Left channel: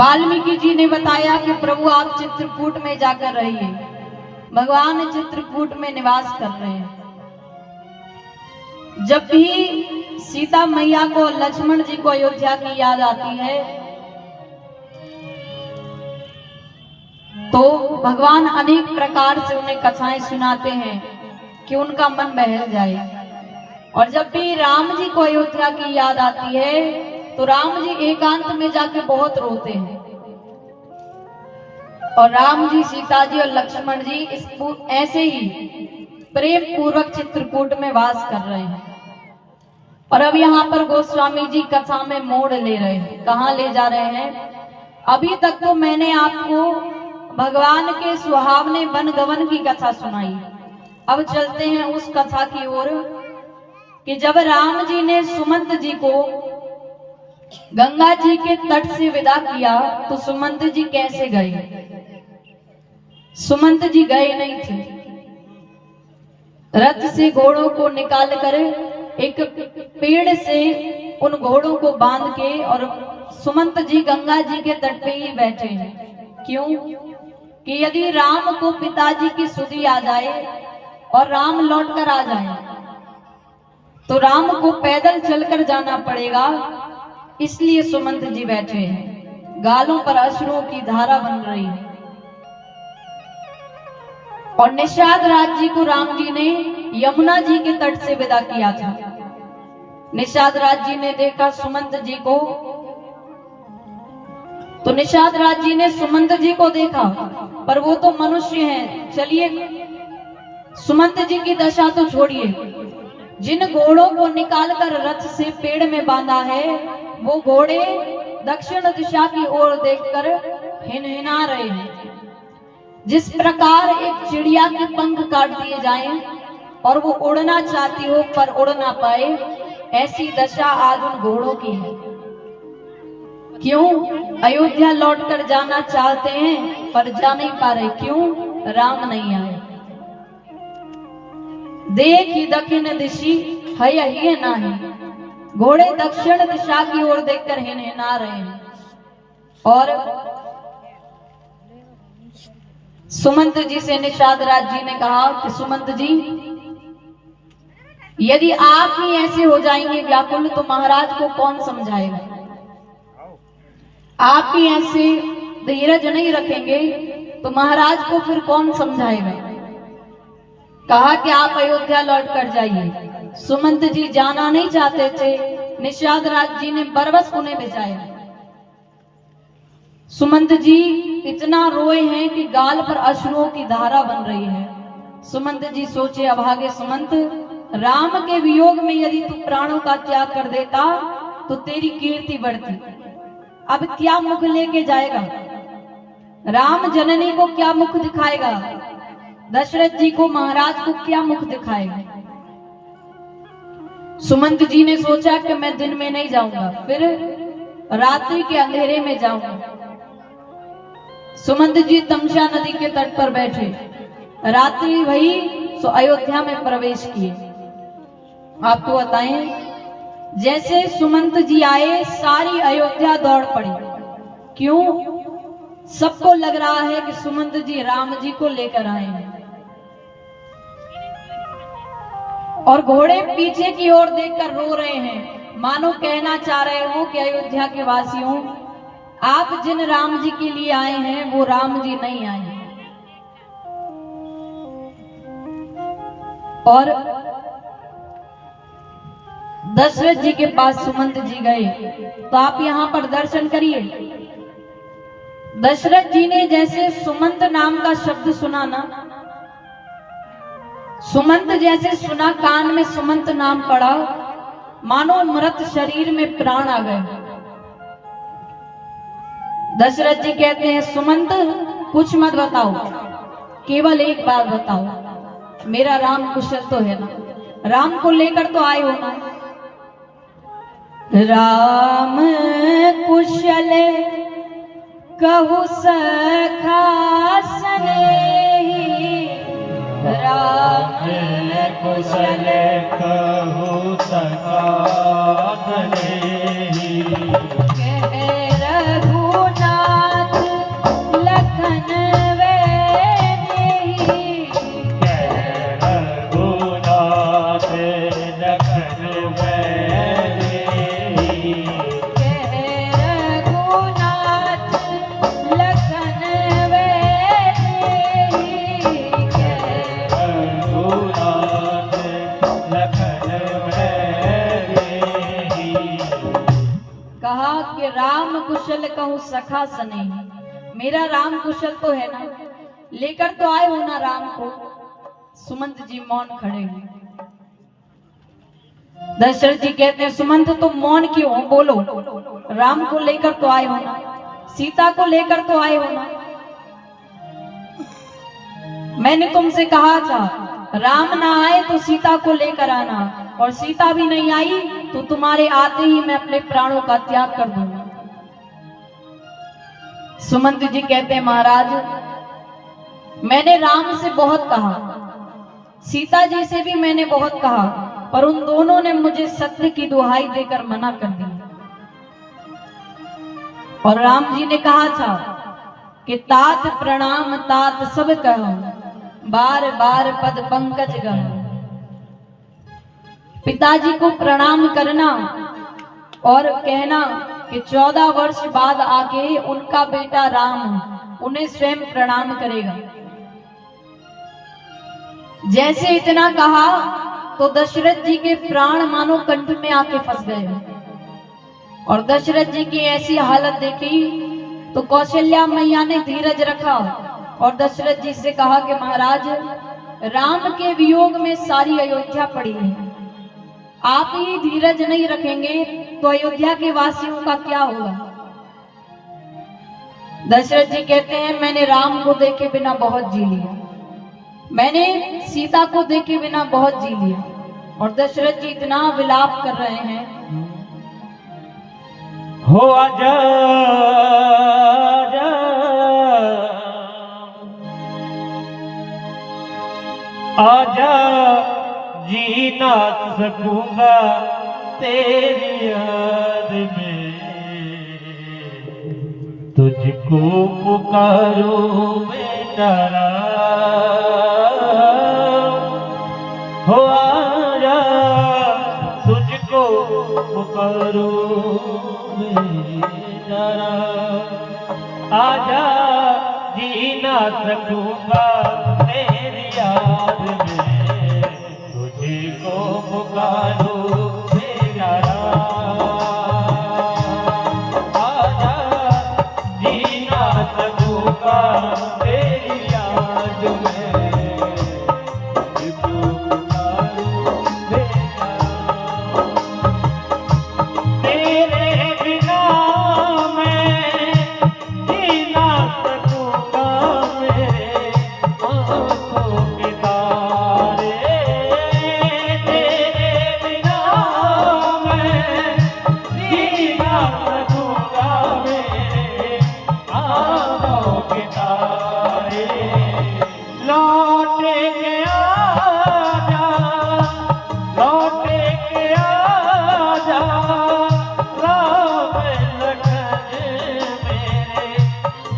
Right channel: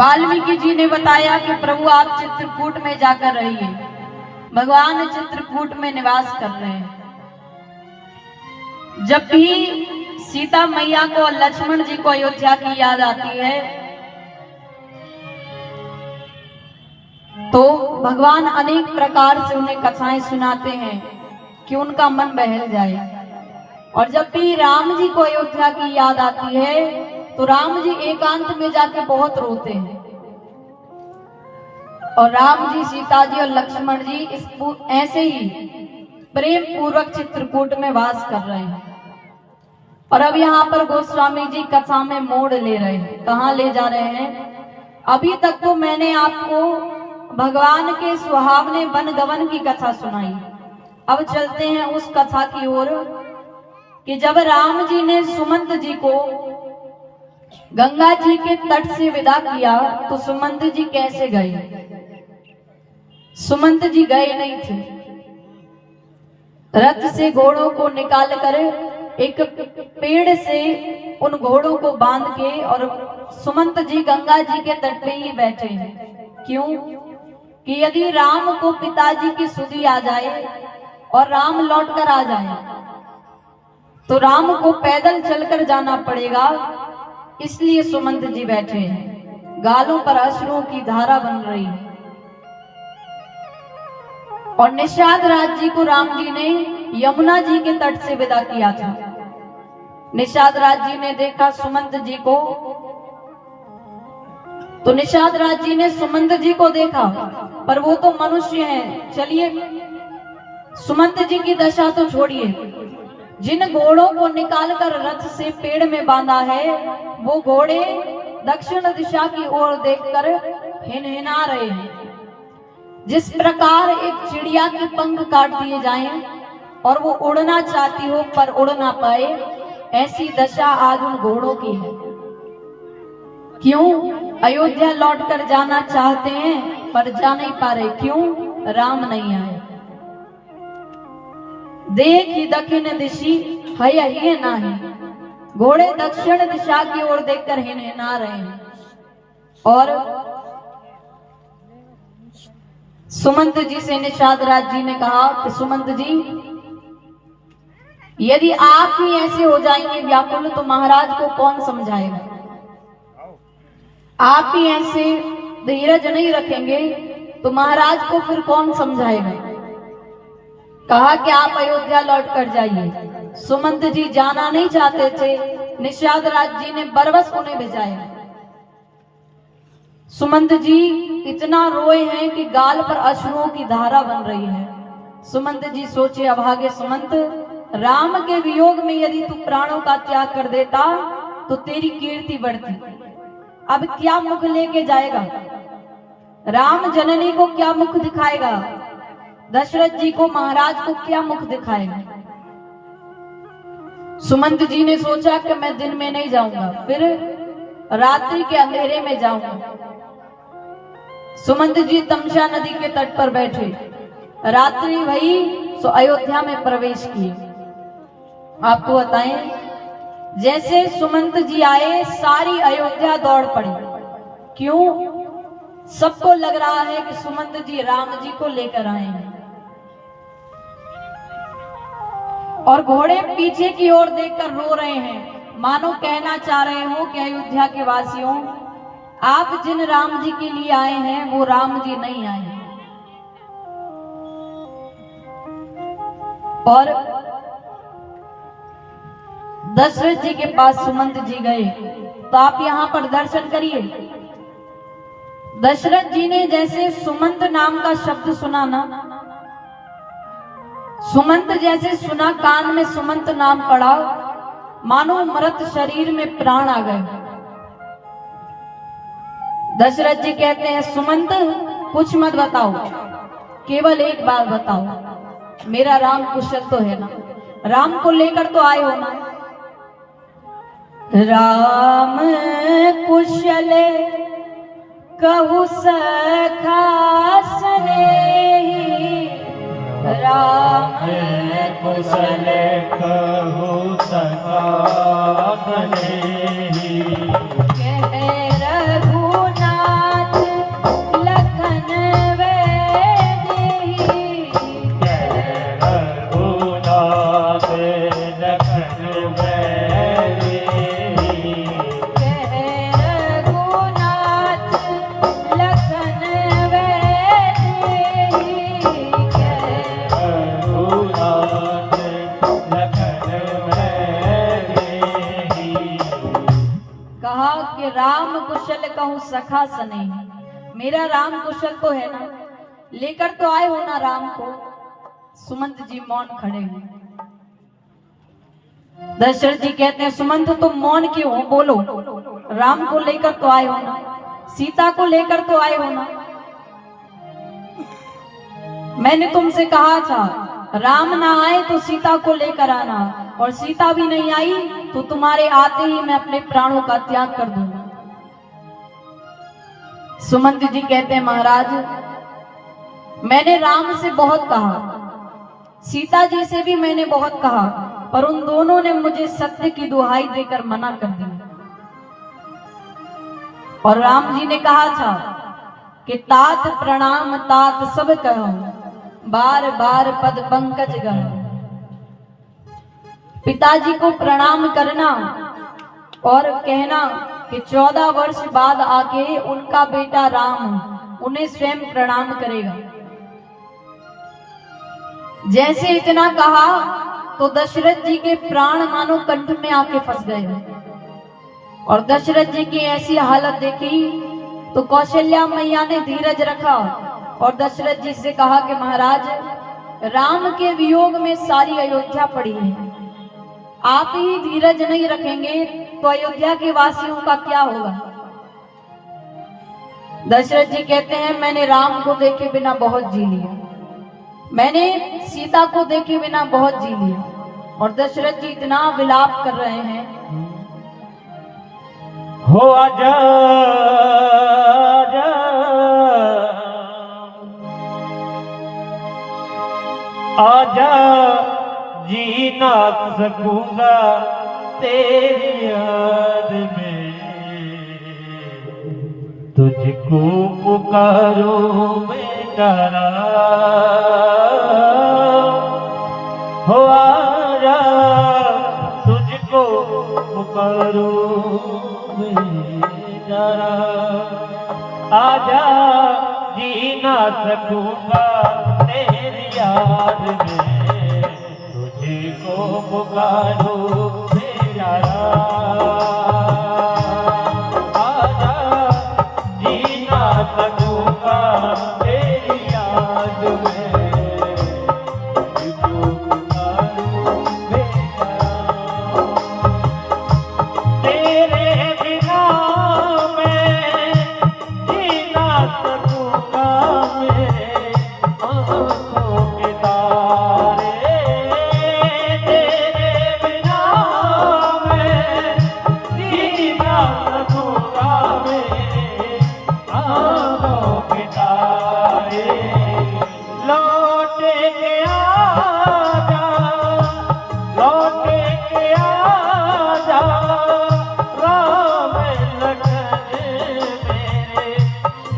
वाल्मीकि जी ने बताया कि प्रभु आप चित्रकूट में जाकर रहिए। भगवान चित्रकूट में निवास कर रहे हैं। जब भी सीता मैया को और लक्ष्मण जी को अयोध्या की याद आती है तो भगवान अनेक प्रकार से उन्हें कथाएं सुनाते हैं कि उनका मन बहल जाए। और जब भी राम जी को अयोध्या की याद आती है तो राम जी एकांत में जाके बहुत रोते हैं। और राम जी, सीता जी और लक्ष्मण जी ऐसे ही प्रेम पूर्वक चित्रकूट में वास कर रहे हैं। और अब यहाँ पर गोस्वामी जी कथा में मोड़ ले रहे हैं। कहाँ ले जा रहे हैं? अभी तक तो मैंने आपको भगवान के सुहावने वनगमन की कथा सुनाई। अब चलते हैं उस कथा की ओर कि जब राम जी ने सुमंत जी को गंगा जी के तट से विदा किया तो सुमंत जी कैसे गए? सुमंत जी गए नहीं थे। रथ से घोड़ों को निकाल कर एक पेड़ से उन घोड़ों को बांध के और सुमंत जी गंगा जी के तट पे ही बैठे हैं। क्यों? कि यदि राम को पिताजी की सुधि आ जाए और राम लौट कर आ जाए तो राम को पैदल चलकर जाना पड़ेगा, इसलिए सुमंत जी बैठे हैं। गालों पर अश्रुओं की धारा बन रही है। और निषाद राज जी को राम जी ने यमुना जी के तट से विदा किया था। निषाद राज जी ने देखा सुमंत जी को, तो निषाद राज जी ने सुमंत जी को देखा, पर वो तो मनुष्य हैं। चलिए सुमंत जी की दशा तो छोड़िए, जिन घोड़ों को निकालकर रथ से पेड़ में बांधा है वो घोड़े दक्षिण दिशा की ओर देखकर हिनहिना रहे हैं। जिस प्रकार एक चिड़िया के पंख काट दिए जाएं और वो उड़ना चाहती हो पर उड़ ना पाए, ऐसी दशा आज उन घोड़ों की है। क्यों? अयोध्या लौटकर जाना चाहते हैं पर जा नहीं पा रहे। क्यों? राम नहीं आए। देखी दक्षिण दिशी है नाही, घोड़े दक्षिण दिशा की ओर देखकर हिनहिना रहे हैं। और सुमंत जी से निषाद राज जी ने कहा कि सुमंत जी, यदि आप ही ऐसे हो जाएंगे व्याकुल तो महाराज को कौन समझाएगा? आप ही ऐसे धीरज नहीं रखेंगे तो महाराज को फिर कौन समझाएगा? कहा कि आप अयोध्या लौट कर जाइए। सुमंत जी जाना नहीं चाहते थे। निषाद राज जी ने बरबस उन्हें भिजाया। सुमंत जी इतना रोए हैं कि गाल पर अश्रुओं की धारा बन रही है। सुमंत जी सोचे, अभागे सुमंत, राम के वियोग में यदि तू प्राणों का त्याग कर देता तो तेरी कीर्ति बढ़ती। अब क्या मुख लेके जाएगा? राम जननी को क्या मुख दिखाएगा? दशरथ जी को, महाराज को क्या मुख दिखाएगा? सुमंत जी ने सोचा कि मैं दिन में नहीं जाऊंगा, फिर रात्रि के अंधेरे में जाऊंगा। सुमंत जी तमसा नदी के तट पर बैठे। रात्रि भई सो अयोध्या में प्रवेश किए। आपको बताएं, जैसे सुमंत जी आए सारी अयोध्या दौड़ पड़ी। क्यों? सबको लग रहा है कि सुमंत जी राम जी को लेकर आए हैं। और घोड़े पीछे की ओर देखकर रो रहे हैं, मानो कहना चाह रहे हो कि अयोध्या के वासियों, आप जिन राम जी के लिए आए हैं वो राम जी नहीं आए हैं। और दशरथ जी के पास सुमंत जी गए तो आप यहाँ पर दर्शन करिए। दशरथ जी ने जैसे सुमंत नाम का शब्द सुना ना, सुमंत जैसे सुना, कान में सुमंत नाम पड़ा, मानो मृत शरीर में प्राण आ गए। दशरथ जी कहते हैं, सुमंत कुछ मत बताओ, केवल एक बात बताओ, मेरा राम कुशल तो है ना? राम को लेकर तो आए हो ना? राम कुशल कहु सखा स्नेही, राम कुशल कहु सखा स्नेही, कह रघुनाथ राम कुशल कहूँ सखा सने, मेरा राम कुशल तो है ना, लेकर तो आए हो ना राम को। सुमंत जी मौन खड़े हैं। दशरथ जी कहते हैं सुमंत तुम मौन क्यों हो, बोलो, राम को लेकर तो आए हो ना, सीता को लेकर तो आए हो ना। मैंने तुमसे कहा था राम ना आए तो सीता को लेकर आना, और सीता भी नहीं आई तो तुम्हारे आते ही मैं अपने प्राणों का त्याग कर दूंगा। सुमंत जी कहते हैं महाराज मैंने राम से बहुत कहा, सीता जी से भी मैंने बहुत कहा, पर उन दोनों ने मुझे सत्य की दुहाई देकर मना कर दिया। और राम जी ने कहा था कि तात प्रणाम तात सब कहो, बार बार पद पंकज गढ़ो। पिताजी को प्रणाम करना और कहना कि 14 वर्ष बाद आके उनका बेटा राम उन्हें स्वयं प्रणाम करेगा। जैसे इतना कहा तो दशरथ जी के प्राण मानो कंठ में आके फंस गए, और दशरथ जी की ऐसी हालत देखी तो कौशल्या मैया ने धीरज रखा और दशरथ जी से कहा कि महाराज राम के वियोग में सारी अयोध्या पड़ी है, आप ही धीरज नहीं रखेंगे तो अयोध्या के वासियों का क्या होगा। दशरथ जी कहते हैं मैंने राम को देखे बिना बहुत जी लिया, मैंने सीता को देखे बिना बहुत जी लिया। और दशरथ जी इतना विलाप कर रहे हैं, हो आजा आजा जी ना सकूंगा तेरी याद में, तुझको पुकारो बेटा हो आजा, तुझको पुकारो बेटा आजा जी ना सकूंगा तेरी याद में, तुझको पुकारो बेटा आजा जी ना सकूंगा तेरी याद में, तुझको पुकारो बेटा। तेरे बिना मैं जी ना सकूंगा मेरे आँखों के तारे, तेरे बिना मैं जी ना सकूंगा मेरे आँखों के तारे। लौटे के आजा, लौटे के आजा, राम लखन मेरे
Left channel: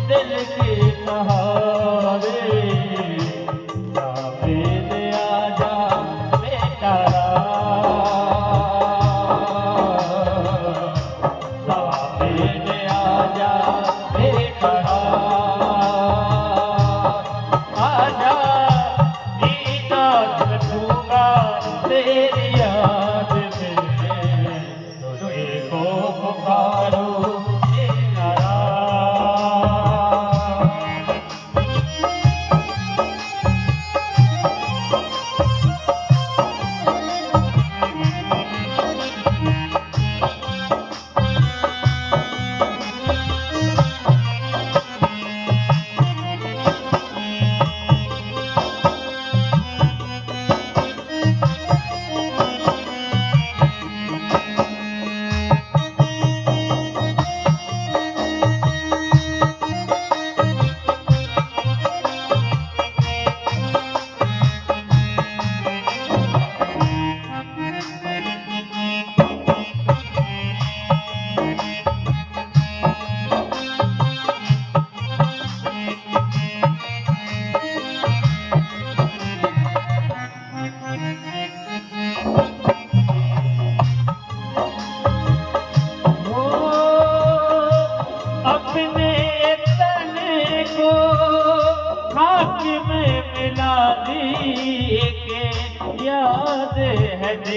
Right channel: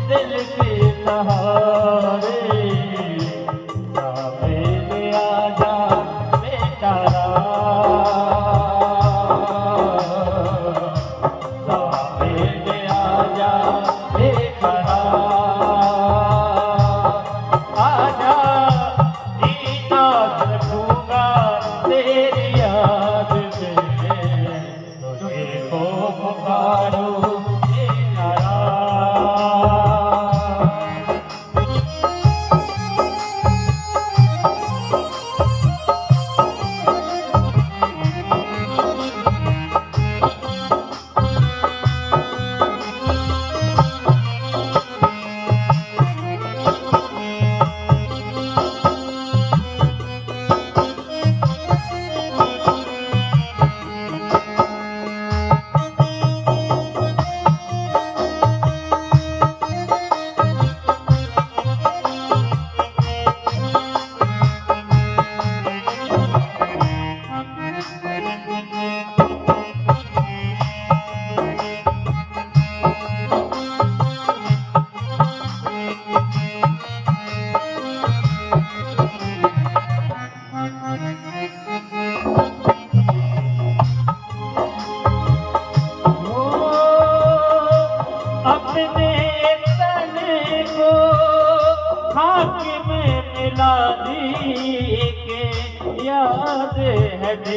दिल के सहारे, सामने आजा बेटा सामने आजा बेटा आजा जीना सकूंगा तेरी याद में, तुझको पुकारो बेटा।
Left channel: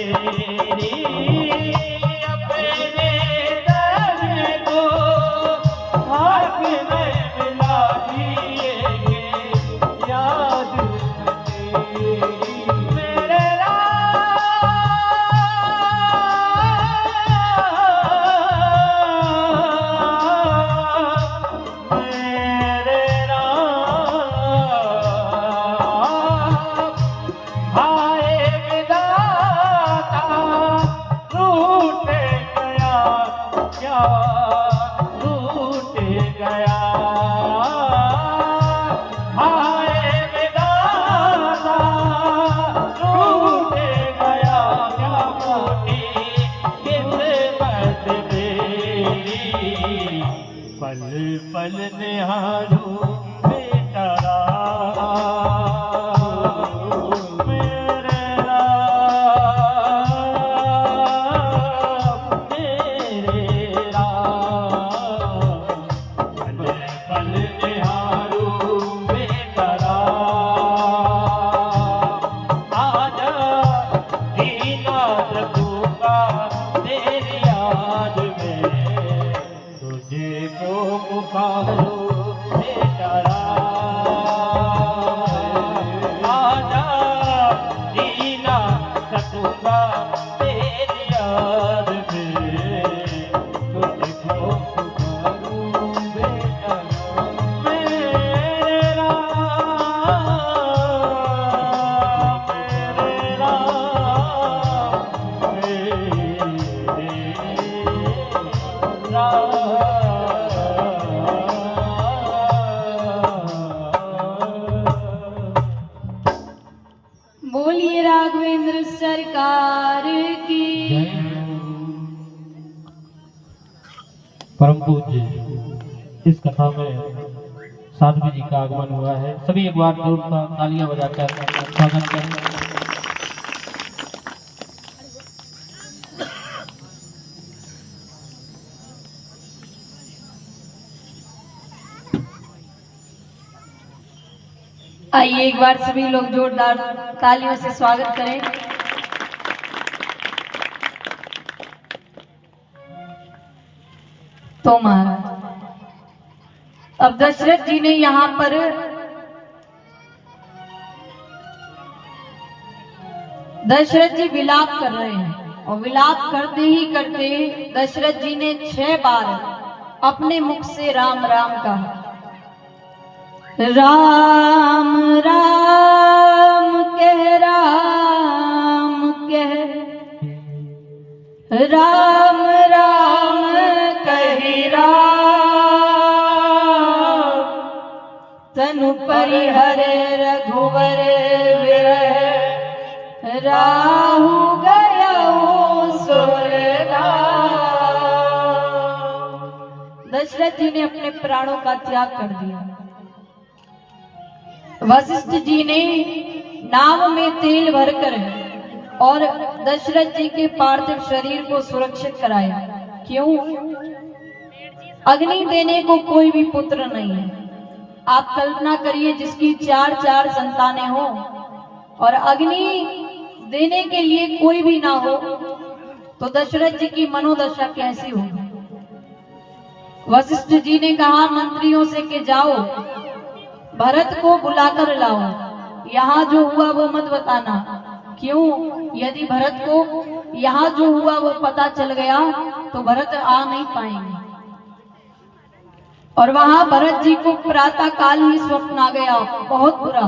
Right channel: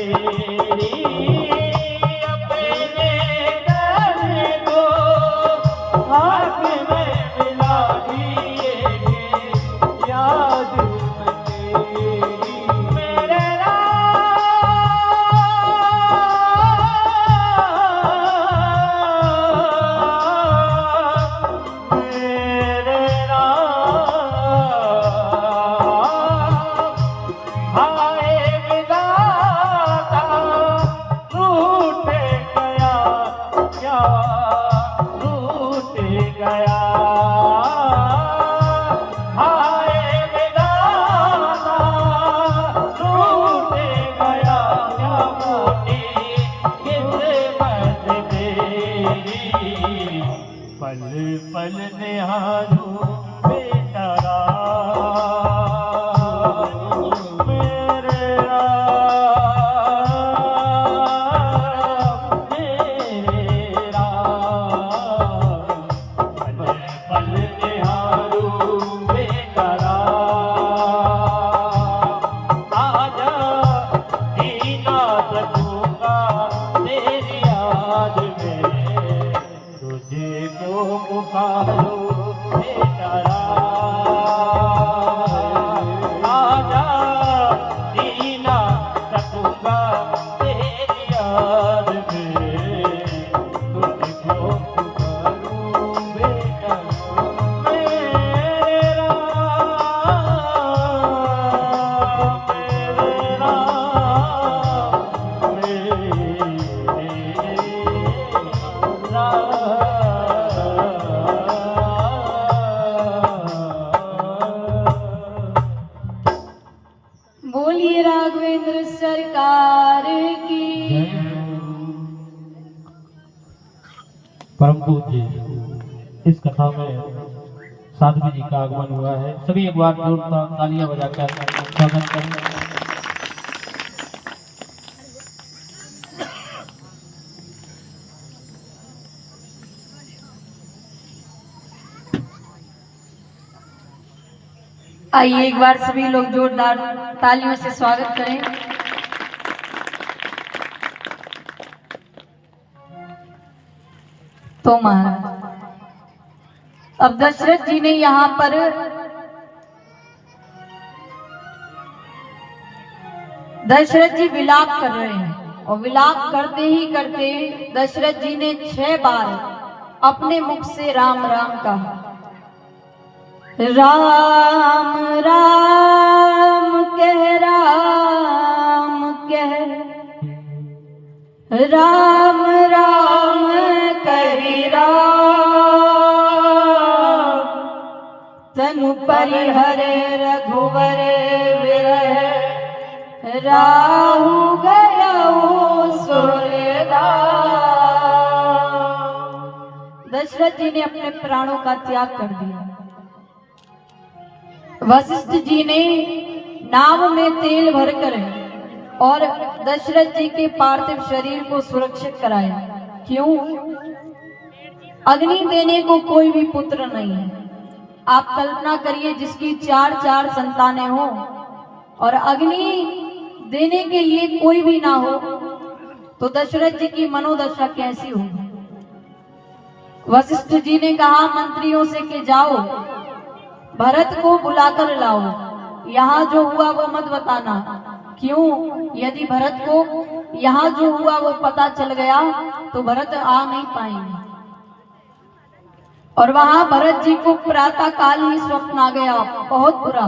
तेरी अपने दर को पल पल निहारूं बेटा राम, मेरे राम, मेरे राम। पल पल निहारूं बेटा राम, आजा दीना रखूंगा तेरी याद में, तुझे को पुकारो बेटा राम। आजा दीना रखूंगा तेरी याद में, तुझे को पुकारो बेटा राम। मेरे राम, मेरे राम, बोलिए राघवेंद्र सरकार की। परम पूज्य इस कथा में साध्वी जी का आगमन हुआ है। सभी एक बार जोरदार तालियां बजाकर स्वागत करें। आइए एक बार सभी लोग जोरदार तालियों से स्वागत करें। तो महाराज, अब दशरथ जी ने यहाँ पर दशरथ जी विलाप कर रहे हैं, और विलाप करते ही करते दशरथ जी ने 6 बार अपने मुख से राम राम कहा। राम राम कह, राम कह, राम राम कहे राम, तनु परिहरे रघुवर विरह, राहु गयउ सुरधाम। दशरथ जी ने अपने प्राणों का त्याग कर दिया। वशिष्ठ जी ने नाव में तेल भरकर और दशरथ जी के पार्थिव शरीर को सुरक्षित कराया। क्यों? अग्नि देने को कोई भी पुत्र नहीं है। आप कल्पना करिए, जिसकी 4 संतानें हों और अग्नि देने के लिए कोई भी ना हो, तो दशरथ जी की मनोदशा कैसी होगी। वशिष्ठ जी ने कहा मंत्रियों से कि जाओ भरत को बुलाकर लाओ, यहाँ जो हुआ वो मत बताना। क्यों? यदि भरत को यहाँ जो हुआ वो पता चल गया तो भरत आ नहीं पाएंगे। और वहां भरत जी को प्रातः काल ही स्वप्न आ गया, बहुत बुरा।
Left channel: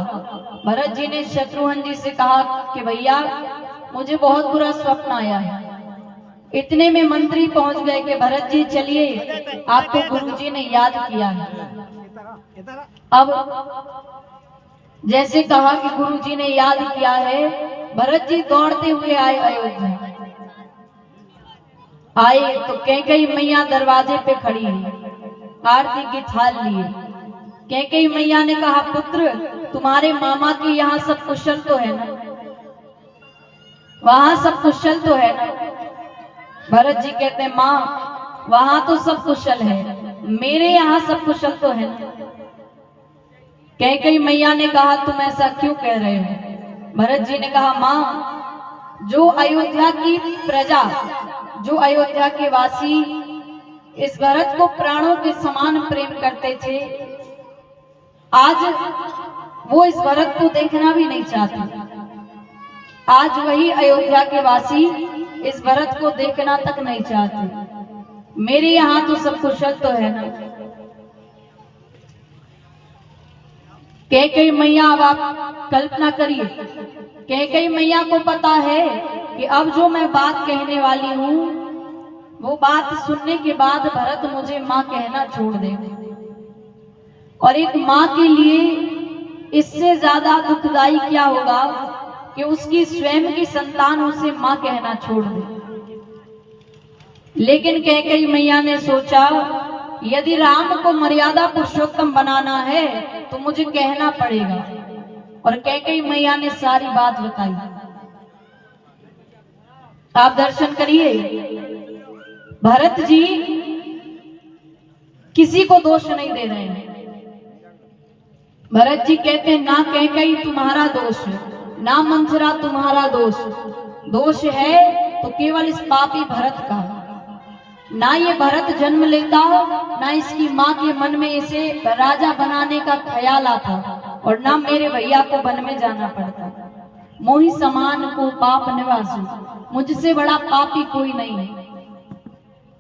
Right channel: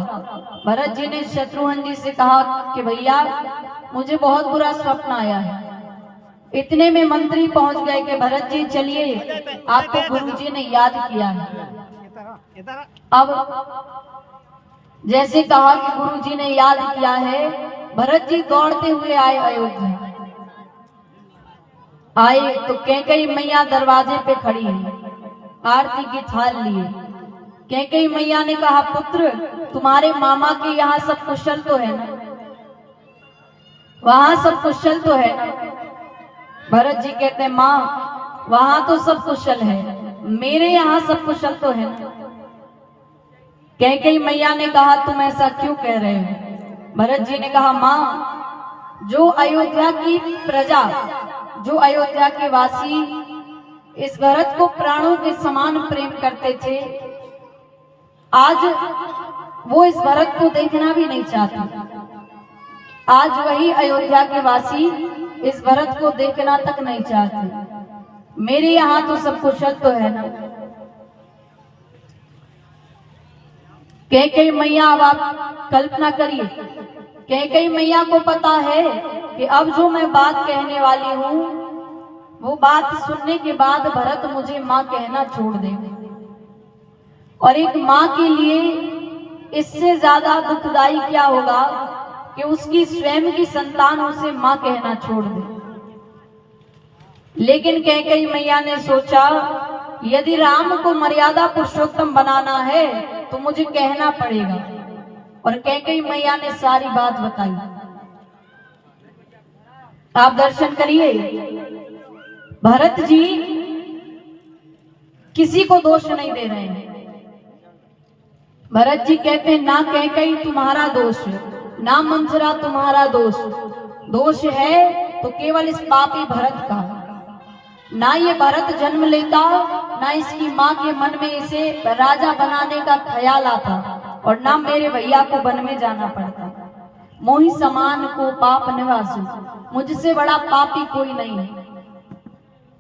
भरत जी ने शत्रुघ्न जी से कहा कि भैया मुझे बहुत बुरा स्वप्न आया है। इतने में मंत्री पहुंच गए कि भरत जी चलिए, आपको गुरु जी ने याद किया है। अब जैसे कहा कि गुरु जी ने याद किया है, भरत जी दौड़ते हुए आए अयोध्या। आए तो कैकेयी मैया दरवाजे पे खड़ी है, आरती की थाल लिए। कैकेयी मैया ने कहा पुत्र, तुम्हारे मामा के यहाँ सब कुशल तो है ना? वहां सब कुशल तो है ना? भरत जी कहते हैं माँ वहां तो सब कुशल है, मेरे यहाँ सब कुशल तो है ना? कैकेयी मैया ने कहा तुम ऐसा क्यों कह रहे हो? भरत जी ने कहा माँ, जो अयोध्या की प्रजा, जो अयोध्या के वासी इस भरत को प्राणों के समान प्रेम करते थे, आज वो इस भरत को देखना भी नहीं चाहते। आज वही अयोध्या के वासी इस भरत को देखना तक नहीं चाहते। मेरे यहाँ तो सब कुशल तो है ना? कैकेयी मैया, अब आप कल्पना करिए, कैकेयी मैया को पता है कि अब जो मैं बात कहने वाली हूँ वो बात सुनने के बाद भरत मुझे माँ कहना छोड़ देगा। और एक माँ के लिए इससे ज्यादा दुखदाई क्या होगा कि उसकी स्वयं की संतान उसे माँ कहना छोड़ दे। लेकिन कैकेयी मैया ने सोचा यदि राम को मर्यादा पुरुषोत्तम बनाना है तो मुझे कहना पड़ेगा, और कैकेयी मैया ने सारी बात बताई। आप दर्शन करिए, भरत जी किसी को दोष नहीं दे रहे हैं। भरत जी कहते हैं ना कैकेयी तुम्हारा दोष, ना मंथरा तुम्हारा दोष है तो केवल इस पापी भरत का। ना ये भरत जन्म लेता, ना इसकी माँ के मन में इसे राजा बनाने का ख्याल आता, और ना मेरे भैया को वन में जाना पड़ता। मोहि समान को पाप निवासु, मुझसे बड़ा पापी कोई नहीं है।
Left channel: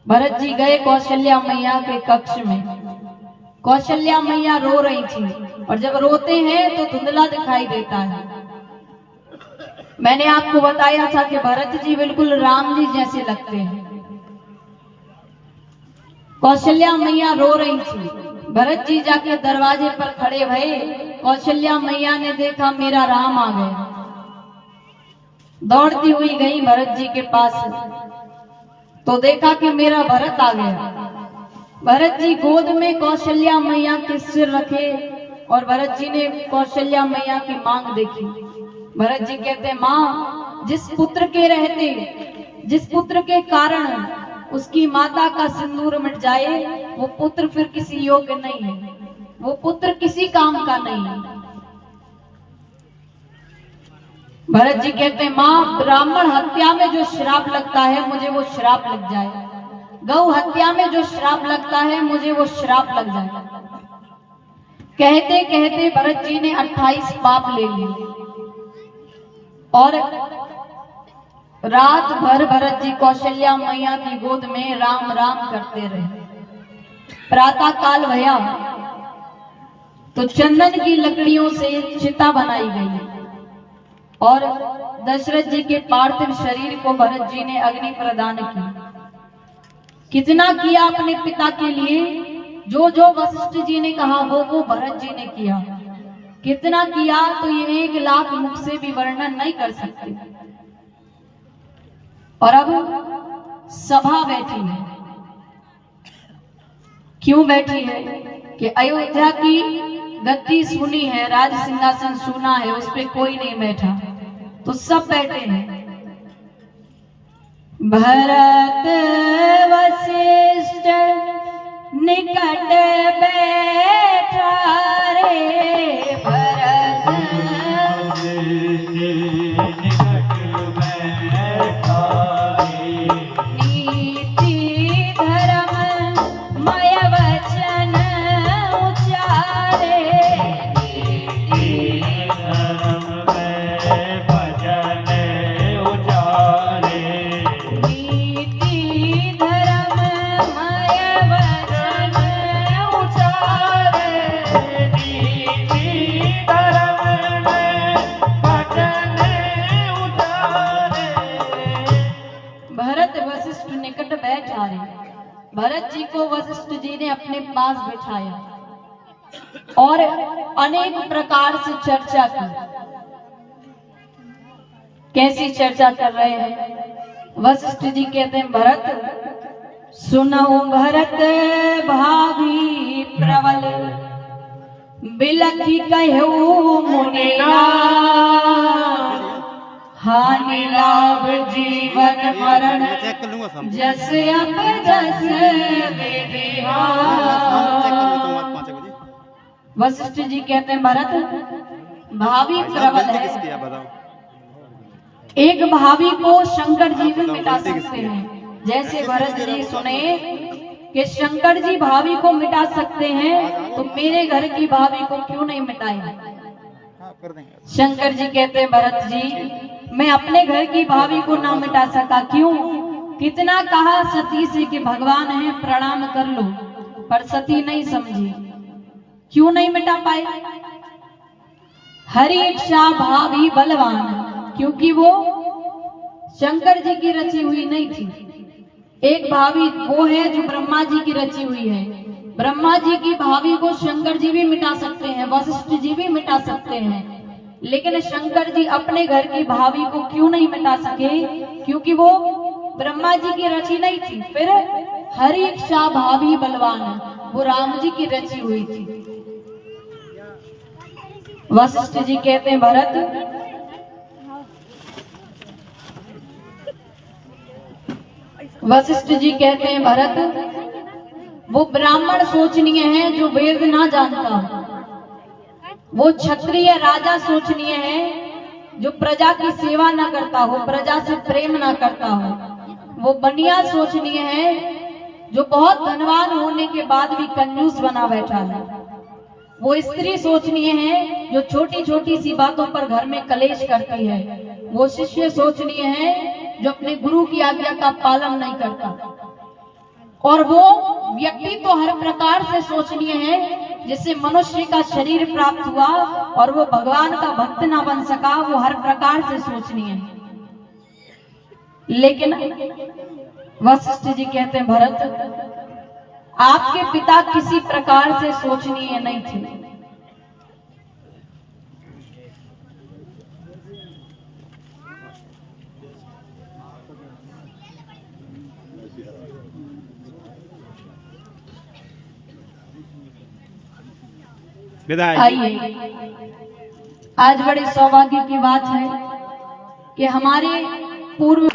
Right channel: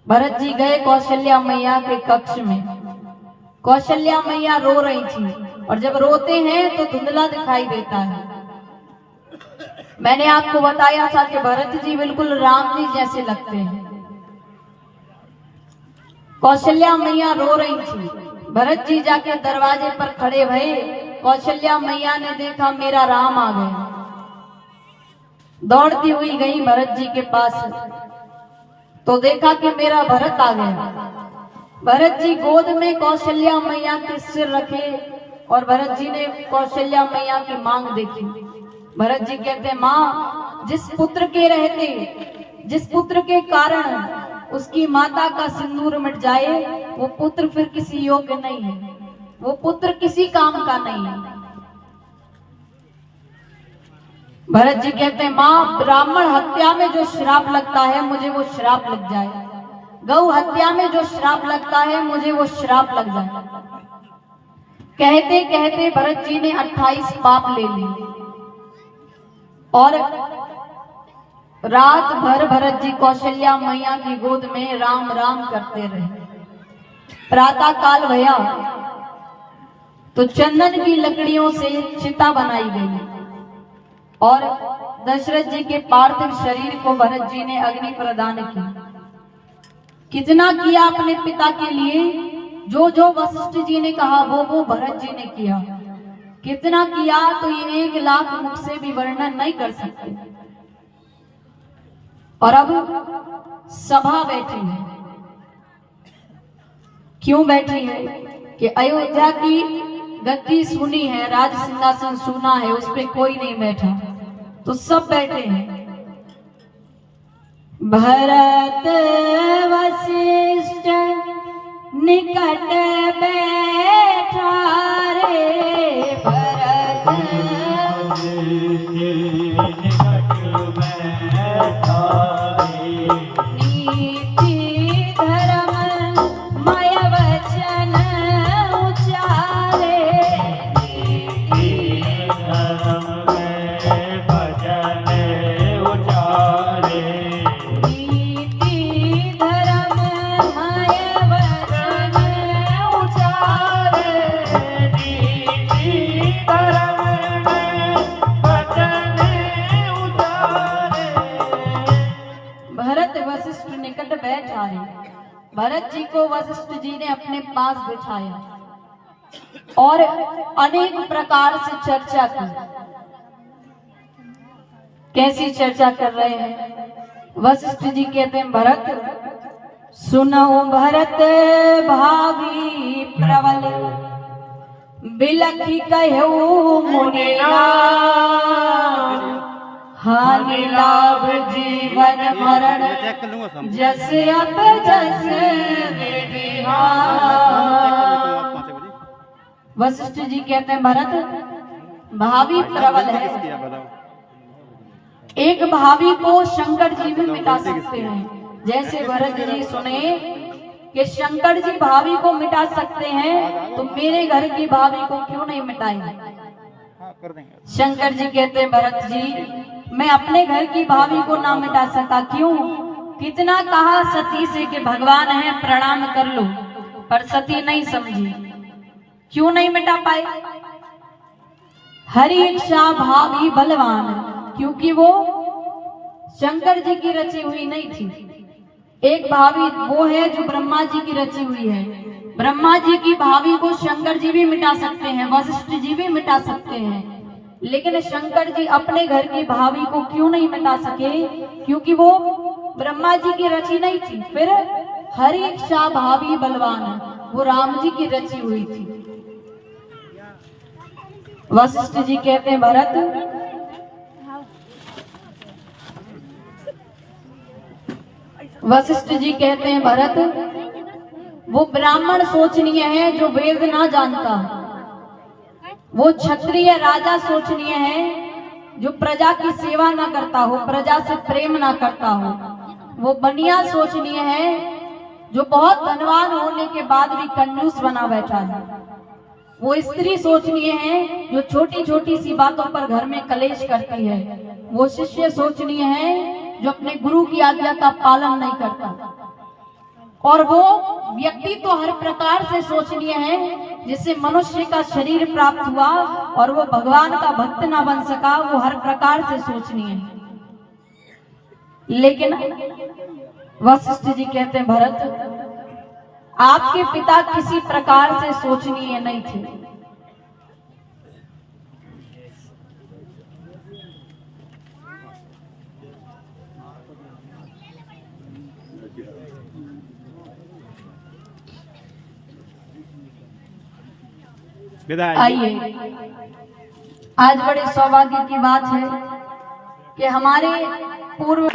भरत जी गए कौशल्या मैया के कक्ष में। कौशल्या मैया रो रही थी, और जब रोते हैं तो धुंधला दिखाई देता है। मैंने आपको बताया था कि भरत जी बिल्कुल राम जी जैसे लगते हैं। कौशल्या मैया रो रही थी, भरत जी जाके दरवाजे पर खड़े भये। कौशल्या मैया ने देखा मेरा राम आ गया, दौड़ती हुई गई भरत जी के पास, तो देखा कि मेरा भरत आ गया। भरत जी गोद में कौशल्या मैया के सिर रखे, और भरत जी ने कौशल्या मैया की मांग देखी। भरत जी कहते माँ, जिस पुत्र के रहते, जिस पुत्र के कारण उसकी माता का सिंदूर मिट जाए, वो पुत्र फिर किसी योग्य नहीं है, वो पुत्र किसी काम का नहीं है। भरत जी कहते हैं माँ, ब्राह्मण हत्या में जो श्राप लगता है मुझे वो श्राप लग जाए, गौ हत्या में जो श्राप लगता है मुझे वो श्राप लग जाए। कहते कहते भरत जी ने 28 पाप ले लिए, और रात भर भरत जी कौशल्या मैया की गोद में राम राम करते रहे। प्रातः काल भया तो चंदन की लकड़ियों से चिता बनाई गई, और दशरथ जी के पार्थिव शरीर को भरत जी ने अग्नि प्रदान की। कितना किया अपने पिता के लिए, जो जो वशिष्ठ जी ने कहा वो भरत जी ने किया। कितना किया तो ये 1 लाख मुख से भी वर्णन नहीं कर सकते। और अब सभा बैठी है, क्यों बैठी है कि अयोध्या की गद्दी सुनी है, राज सिंहासन सुना है, उस पे कोई नहीं बैठा, तो सब बैठे हैं। भरत वशिष्ठ निकट बैठा रे, भरत नीति धर्म मय वचन उचारे, नीति धर्म मय भजन उचारे, नीति धर्म मय वचन उचारे, नीति धर्म मय भजन उचारे। भरत वशिष्ठ निकट बैठा रे, भरत जी को वशिष्ठ जी ने अपने पास बिठाया और अनेक प्रकार से चर्चा की। कैसी चर्चा कर रहे हैं? वशिष्ठ जी कहते हैं भरत सुनो, भरत भावी प्रबल बिलखी कहू मुनिना, हानि लाभ जीवन मरण जस अब जस विधिहा। वशिष्ठ जी कहते हैं भरत भावी प्रबल है, एक भावी को शंकर जी भी मिटा सकते हैं। जैसे भरत जी सुने कि शंकर जी भावी को मिटा सकते हैं, तो मेरे घर की भावी को क्यों नहीं मिटाएंगे? शंकर जी कहते हैं भरत जी, मैं अपने घर की भावी को ना मिटा सका, क्यों? कितना कहा सती से कि भगवान है प्रणाम कर लो, पर सती नहीं समझी। क्यों नहीं मिटा पाए? हरि इच्छा भावी बलवान, क्योंकि वो शंकर जी की रची हुई नहीं थी। एक भावी वो है जो ब्रह्मा जी की रची हुई है। ब्रह्मा जी की भावी को शंकर जी भी मिटा सकते हैं, वशिष्ठ जी भी मिटा सकते हैं, लेकिन शंकर जी अपने घर की भावी को क्यों नहीं मिटा सके? क्योंकि वो ब्रह्मा जी की रची नहीं थी, फिर हर इच्छा भावी बलवान वो राम जी की रची हुई थी। वशिष्ठ जी कहते हैं भरत, वशिष्ठ जी कहते हैं भरत, वो ब्राह्मण सोचनीय है जो वेद ना जानता, वो क्षत्रिय राजा सोचनीय है जो प्रजा की सेवा ना करता हो, प्रजा से प्रेम ना करता हो, वो बनिया सोचनीय है जो बहुत धनवान होने के बाद भी कंजूस बना बैठा है, वो स्त्री सोचनीय है जो छोटी छोटी सी बातों पर घर में कलेश करती है, वो शिष्य सोचनीय है जो अपने गुरु की आज्ञा का पालन नहीं करता, और वो व्यक्ति तो हर प्रकार से सोचनीय है जिससे मनुष्य का शरीर प्राप्त हुआ और वो भगवान का भक्त ना बन सका, वो हर प्रकार से सोचनीय है। लेकिन वशिष्ठ जी कहते हैं भरत, आपके पिता किसी प्रकार से सोचनीय नहीं थे। आइए, आज बड़े सौभाग्य की बात है कि हमारे पूर्व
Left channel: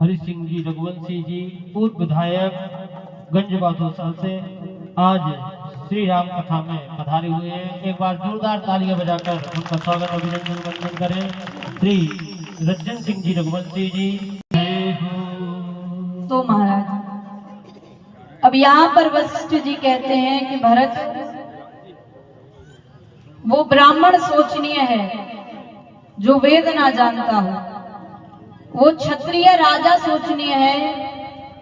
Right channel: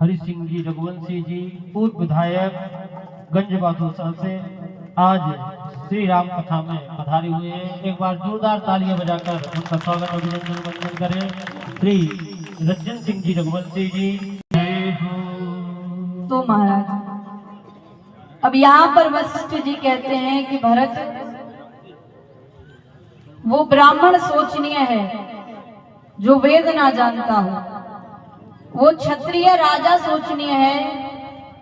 हरि सिंह जी रघुवंशी जी पूर्व विधायक गंजबादोसा से आज श्री राम कथा में पधारे हुए हैं। एक बार जोरदार तालियां बजाकर उनका स्वागत अभिनंदन वंदन करें। श्री रंजन सिंह जी रघुवंशी जी। तो महाराज, अब यहाँ पर वशिष्ठ जी कहते हैं कि भरत, वो ब्राह्मण सोचनीय है जो वेद ना जानता हो, वो क्षत्रिय राजा सोचनीय है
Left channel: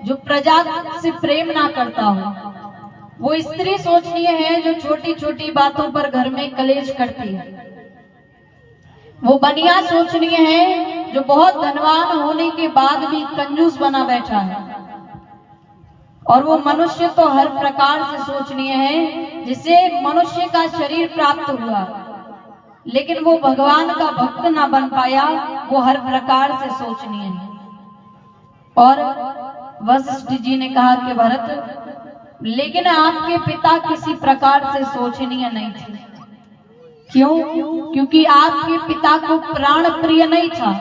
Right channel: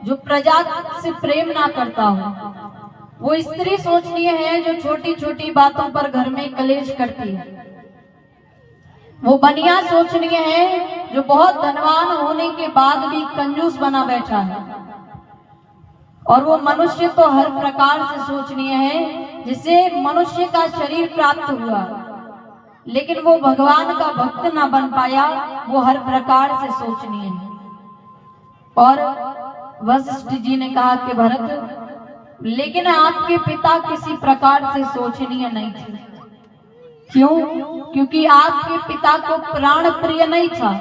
जो प्रजा से प्रेम ना करता हो, वो स्त्री सोचनीय है जो छोटी छोटी बातों पर घर में कलेश करती है, वो बनिया सोचनीय है जो बहुत धनवान होने के बाद भी कंजूस बना बैठा है, और वो मनुष्य तो हर प्रकार से सोचनीय है जिसे मनुष्य का शरीर प्राप्त हुआ लेकिन वो भगवान का भक्त ना बन पाया, वो हर प्रकार से सोचनीय है। और वशिष्ठ जी ने कहा कि भरत, लेकिन आपके पिता किसी प्रकार से सोचनीय नहीं थे। क्यों? क्योंकि आपके पिता को प्राण प्रिय नहीं था,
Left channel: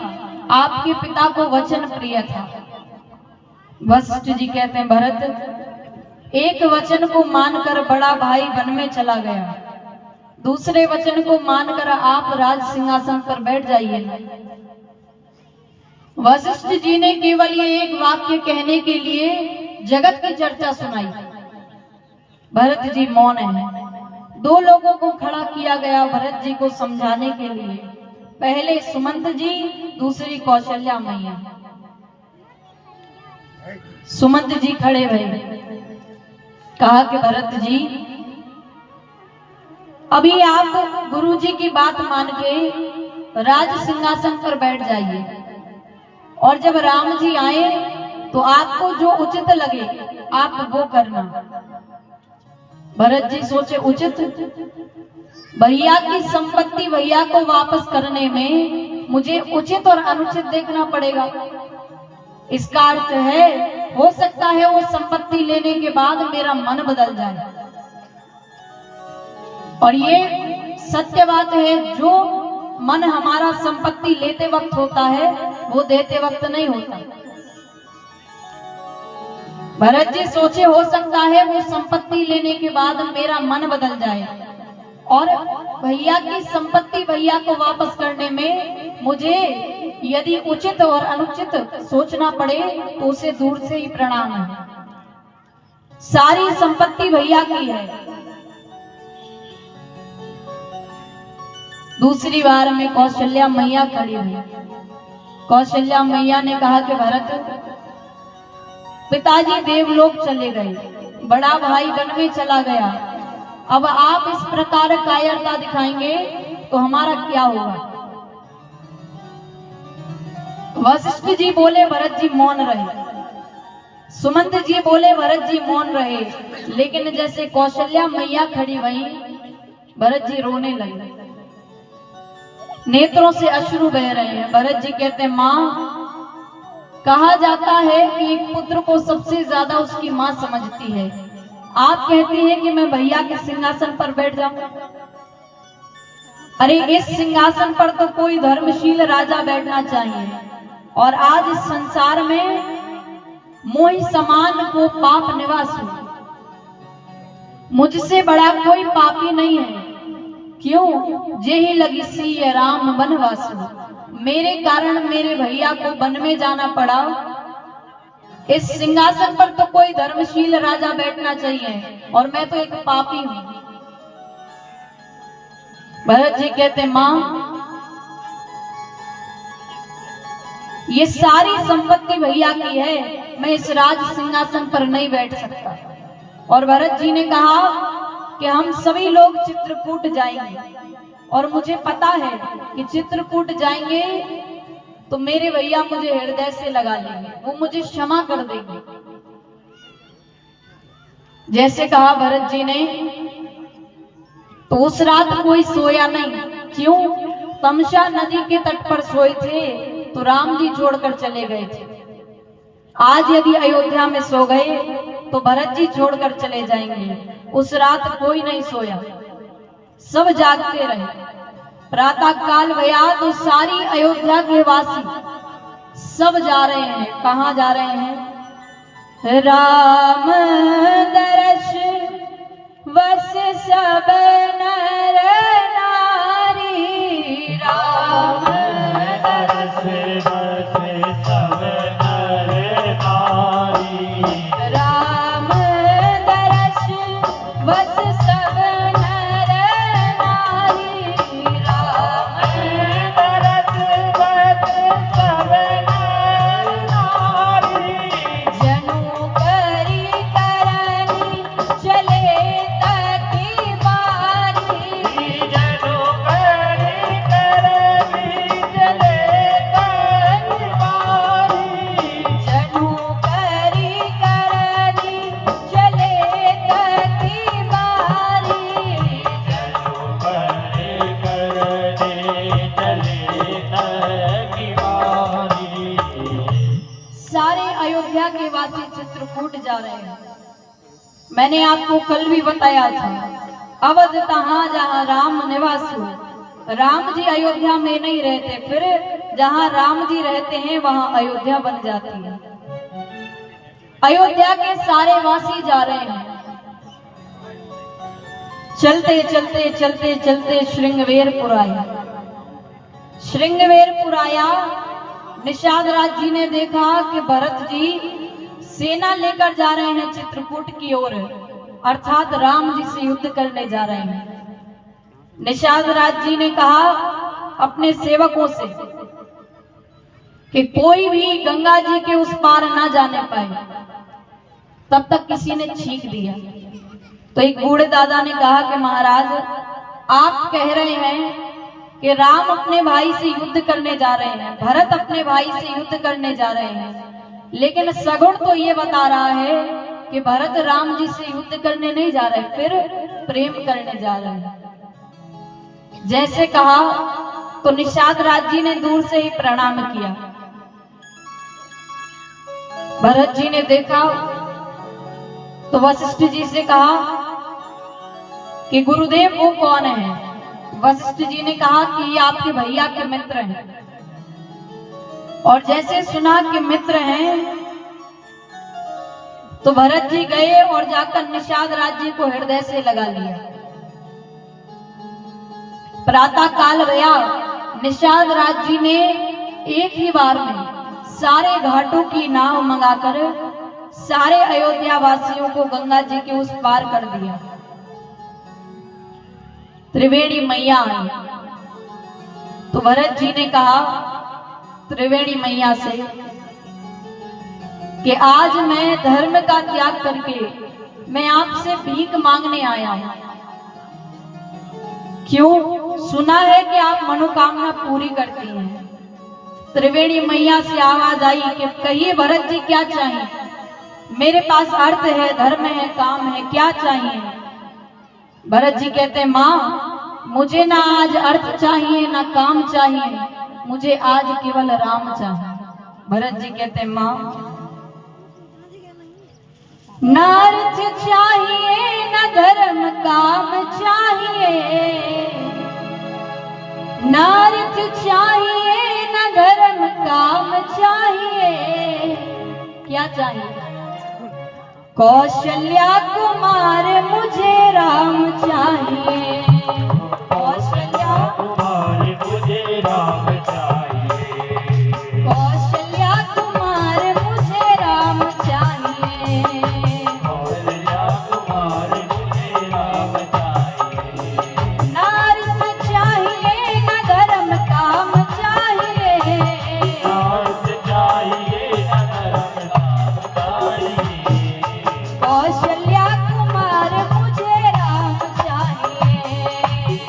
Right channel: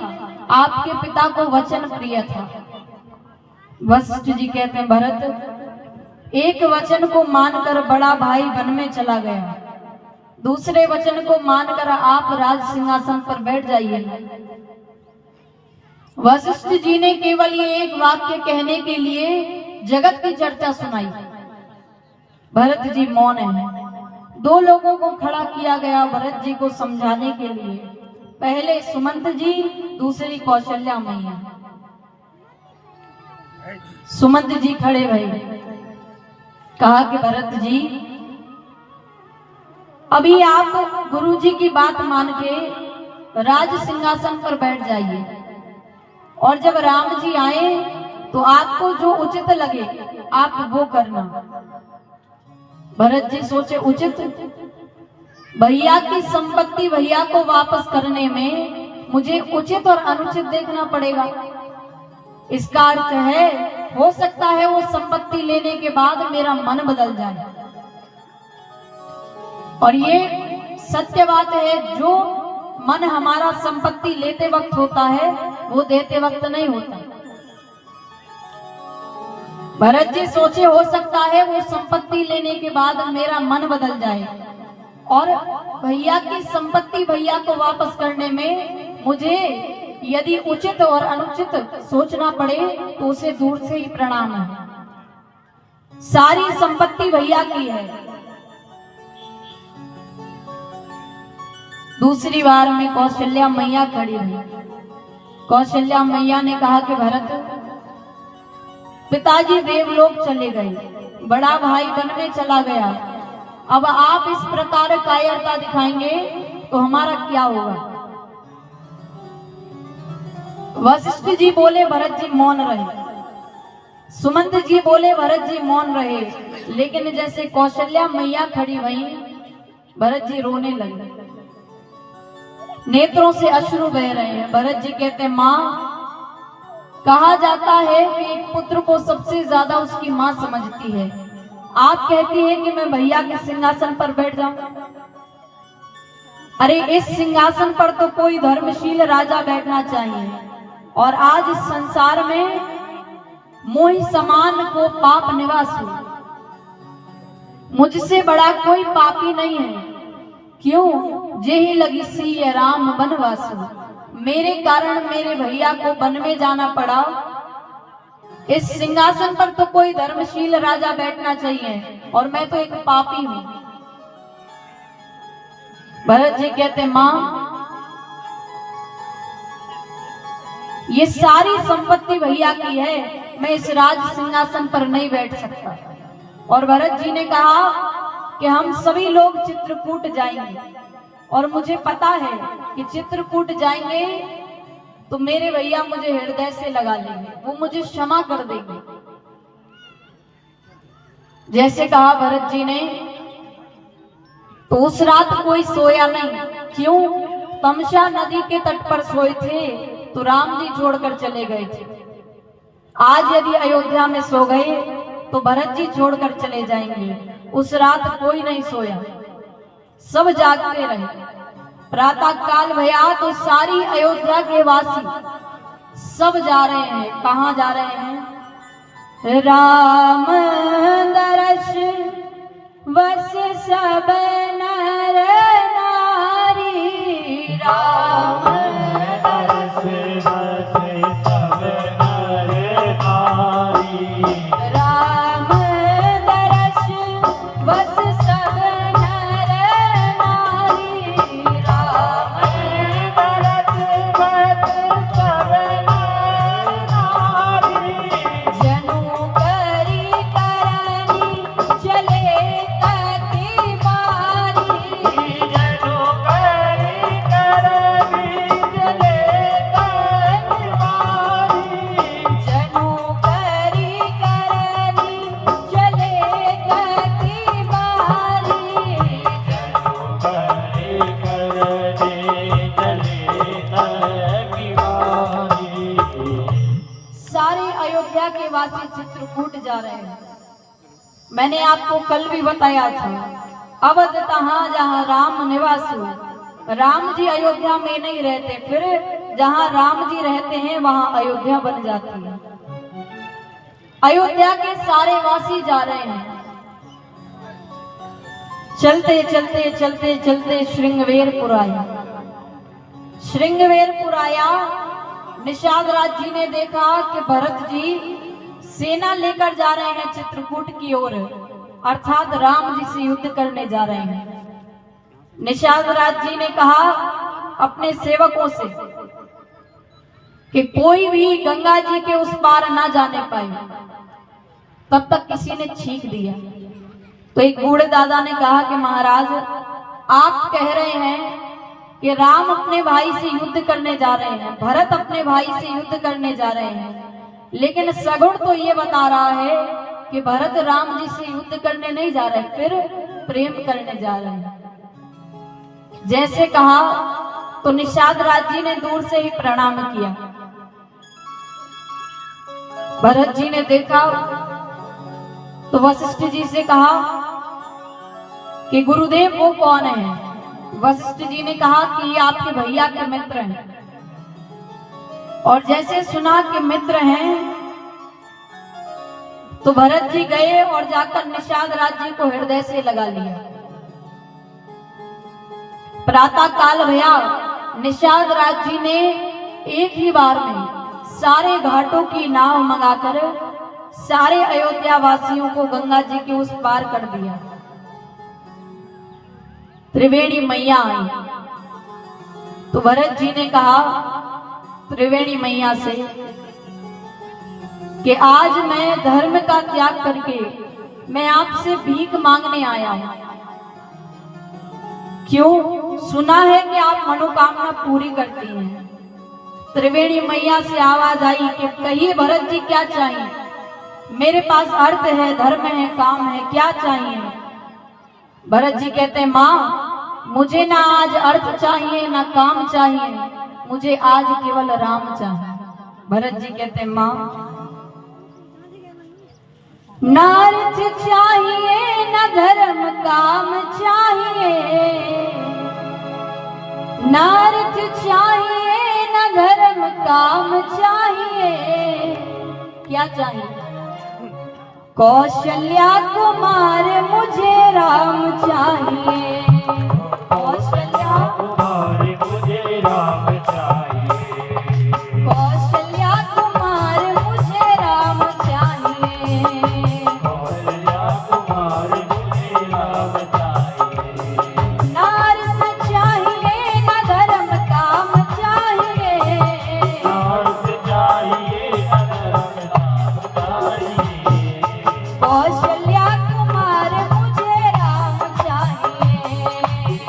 आपके पिता को वचन प्रिय था। वशिष्ठ जी कहते हैं भरत, एक वचन को मानकर बड़ा भाई वन में चला गया, दूसरे वचन को मानकर आप राज सिंहासन पर बैठ जाइए। वशिष्ठ जी ने केवल ये एक वाक्य कहने के लिए जगत की चर्चा सुनाई। भरत जी मौन है। दो लोगों को खड़ा किया गया भरत जी को समझाने के लिए, पहले सुमंत जी, दूसरी कौशल्या मैया। सुमंत जी खड़े भये, कहा कि भरत जी, अभी आप गुरु जी की बात मान के राज सिंहासन पर बैठ जाइए, और जब राम जी आए तो आपको जो उचित लगे आप वो करना। भरत जी सोचे उचित, भैया की संपत्ति भैया को वापस करने में मुझे उचित और अनुचित देखना पड़ेगा। इसका अर्थ है, हो सकता है वो संपत्ति लेने के बाद मेरा मन बदल जाए। और ये सत्य बात है, जो मन हमारा संपत्ति लेते वक्त होता है वो देते वक्त नहीं होता। भरत जी सोचे, हो सकता है वो संपत्ति लेने के बाद मेरा मन बदल जाए और भैया की संपत्ति भैया को वापस करने में मुझे यदि उचित और अनुचित सोचना पड़े तो उसे दूर से ही प्रणाम है। सारी संपत्ति भैया की है। दूसरी बार में कौशल्या मैया खड़ी हुई। कौशल्या मैया ने कहा कि भरत, पिताजी देवलोक चले गए, बड़ा भाई वन में चला गया, अब आप इस प्रकार कायरता दिखाएंगे तो हमारा क्या होगा। वशिष्ठ जी बोले, भरत जी मौन रहे। सुमंत जी बोले, भरत जी मौन रहे। लेकिन जैसे कौशल्या मैया खड़ी हुई, भरत जी रोने लगे, नेत्रों से अश्रु बह रहे हैं। भरत जी कहते, माँ, कहा जाता है कि एक पुत्र को सबसे ज्यादा उसकी माँ समझती है। आप कहती हैं कि मैं भैया के सिंहासन पर बैठ जाऊं। अरे इस सिंहासन पर तो कोई धर्मशील राजा बैठना चाहिए, और आज इस संसार में मोहि समान को पाप निवास हो। मुझसे बड़ा कोई पापी नहीं है। क्यों? जेहि लगी सिय राम वनवास, मेरे कारण मेरे भैया को वन में जाना पड़ा। इस सिंहासन पर तो कोई धर्मशील राजा बैठना चाहिए, और मैं तो एक पापी हूं। भरत जी कहते, मां, ये सारी संपत्ति भैया की है, मैं इस राज सिंहासन पर नहीं बैठ सकता। और भरत जी ने कहा कि हम सभी लोग चित्रकूट जाएंगे, और मुझे पता है कि चित्रकूट जाएंगे तो मेरे भैया मुझे हृदय से लगा लेंगे, वो मुझे क्षमा कर देंगे। जैसे कहा भरत जी ने, तो उस रात कोई सोया नहीं। क्यों? तमसा नदी के तट पर सोए थे तो राम जी छोड़कर चले गए थे। आज यदि अयोध्या में सो गए तो भरत जी छोड़कर चले जाएंगे। उस रात कोई नहीं सोया, सब जागते रहे। प्रातः काल भया तो सारी अयोध्या के वासी सब जा रहे हैं। कहाँ जा रहे हैं? राम दर्श वस सब नर नारी, राम दर्श वस सब नर नारी, राम दर्श वस सब नर नारी, राम दर्श वस सब नर नारी, जनु करी करनी चले तकी बारी, जनु करी करनी चले तकी बारी, जनु करी करनी चले तकी बारी, जनु करी करनी चले तकी बारी। सारे अयोध्या के वासी चित्रकूट जा रहे हैं। मैंने आपको कल भी बताया था, अवध तहां जहां राम निवास हो। राम जी अयोध्या में नहीं रहते, फिर जहां राम जी रहते हैं वहां अयोध्या बन जाती है। अयोध्या के सारे वासी जा रहे हैं। चलते चलते चलते चलते श्रृंगवेरपुर आया। श्रृंगवेरपुर आया, निषाद राज जी ने देखा कि भरत जी सेना लेकर जा रहे हैं चित्रकूट की ओर, अर्थात राम जी से युद्ध करने जा रहे हैं। निषाद राज जी ने कहा अपने सेवकों से कि कोई भी गंगा जी के उस पार ना जाने पाए। तब तक किसी ने छींक दिया, तो एक बूढ़े दादा ने कहा कि महाराज, आप कह रहे हैं कि राम अपने भाई से युद्ध करने जा रहे हैं, भरत अपने भाई से युद्ध करने जा रहे हैं, लेकिन सगुण तो ये बता रहा है कि भरत राम जी से युद्ध करने नहीं जा रहे, फिर प्रेम करने जा रहे हैं। जैसे कहा तो निषाद राज जी ने दूर से ही प्रणाम किया। भरत जी ने देखा तो वशिष्ठ जी से कहा कि गुरुदेव वो कौन है। वशिष्ठ जी ने कहा कि ये आपके भैया के मित्र हैं। और जैसे सुना कि मित्र हैं तो भरत जी गए और जाकर निषाद राज जी को हृदय से लगा लिया। प्रातः काल भया निषाद राज जी ने एक ही बार में सारे घाटों की नाव मंगाकर सारे अयोध्या वासियों को गंगा जी के उस पार कर दिया। त्रिवेणी मैया आई तो भरत जी ने कहा त्रिवेणी मैया से कि आज मैं धर्म का त्याग करके मैं आपसे भीख मांगने आया हूं। क्यों? सुना है कि आप मनोकामना पूरी करती हैं। त्रिवेणी मैया से आवाज आई कि कहिए भरत जी क्या चाहिए? मेरे पास अर्थ है, धर्म है, काम है, क्या चाहिए? भरत जी कहते हैं माँ मुझे ना आज अर्थ चाहिए ना काम चाहिए, मुझे आज केवल राम चाहिए। भरत जी कहते हैं माँ ना अर्थ चाहिए ना धर्म काम चाहिए, ना अर्थ चाहिए ना धर्म काम चाहिए, क्या चाहिए? कौशल्या कुमार मुझे राम चाहिए, कौशल्या कुमार मुझे राम चाहिए, कौशल्या कुमार मुझे राम चाहिए, कौशल्या कुमार मुझे राम चाहिए। ना अर्थ चाहिए ना धर्म काम चाहिए, ना अर्थ चाहिए ना धर्म काम चाहिए, कौशल्या कुमार मुझे राम चाहिए,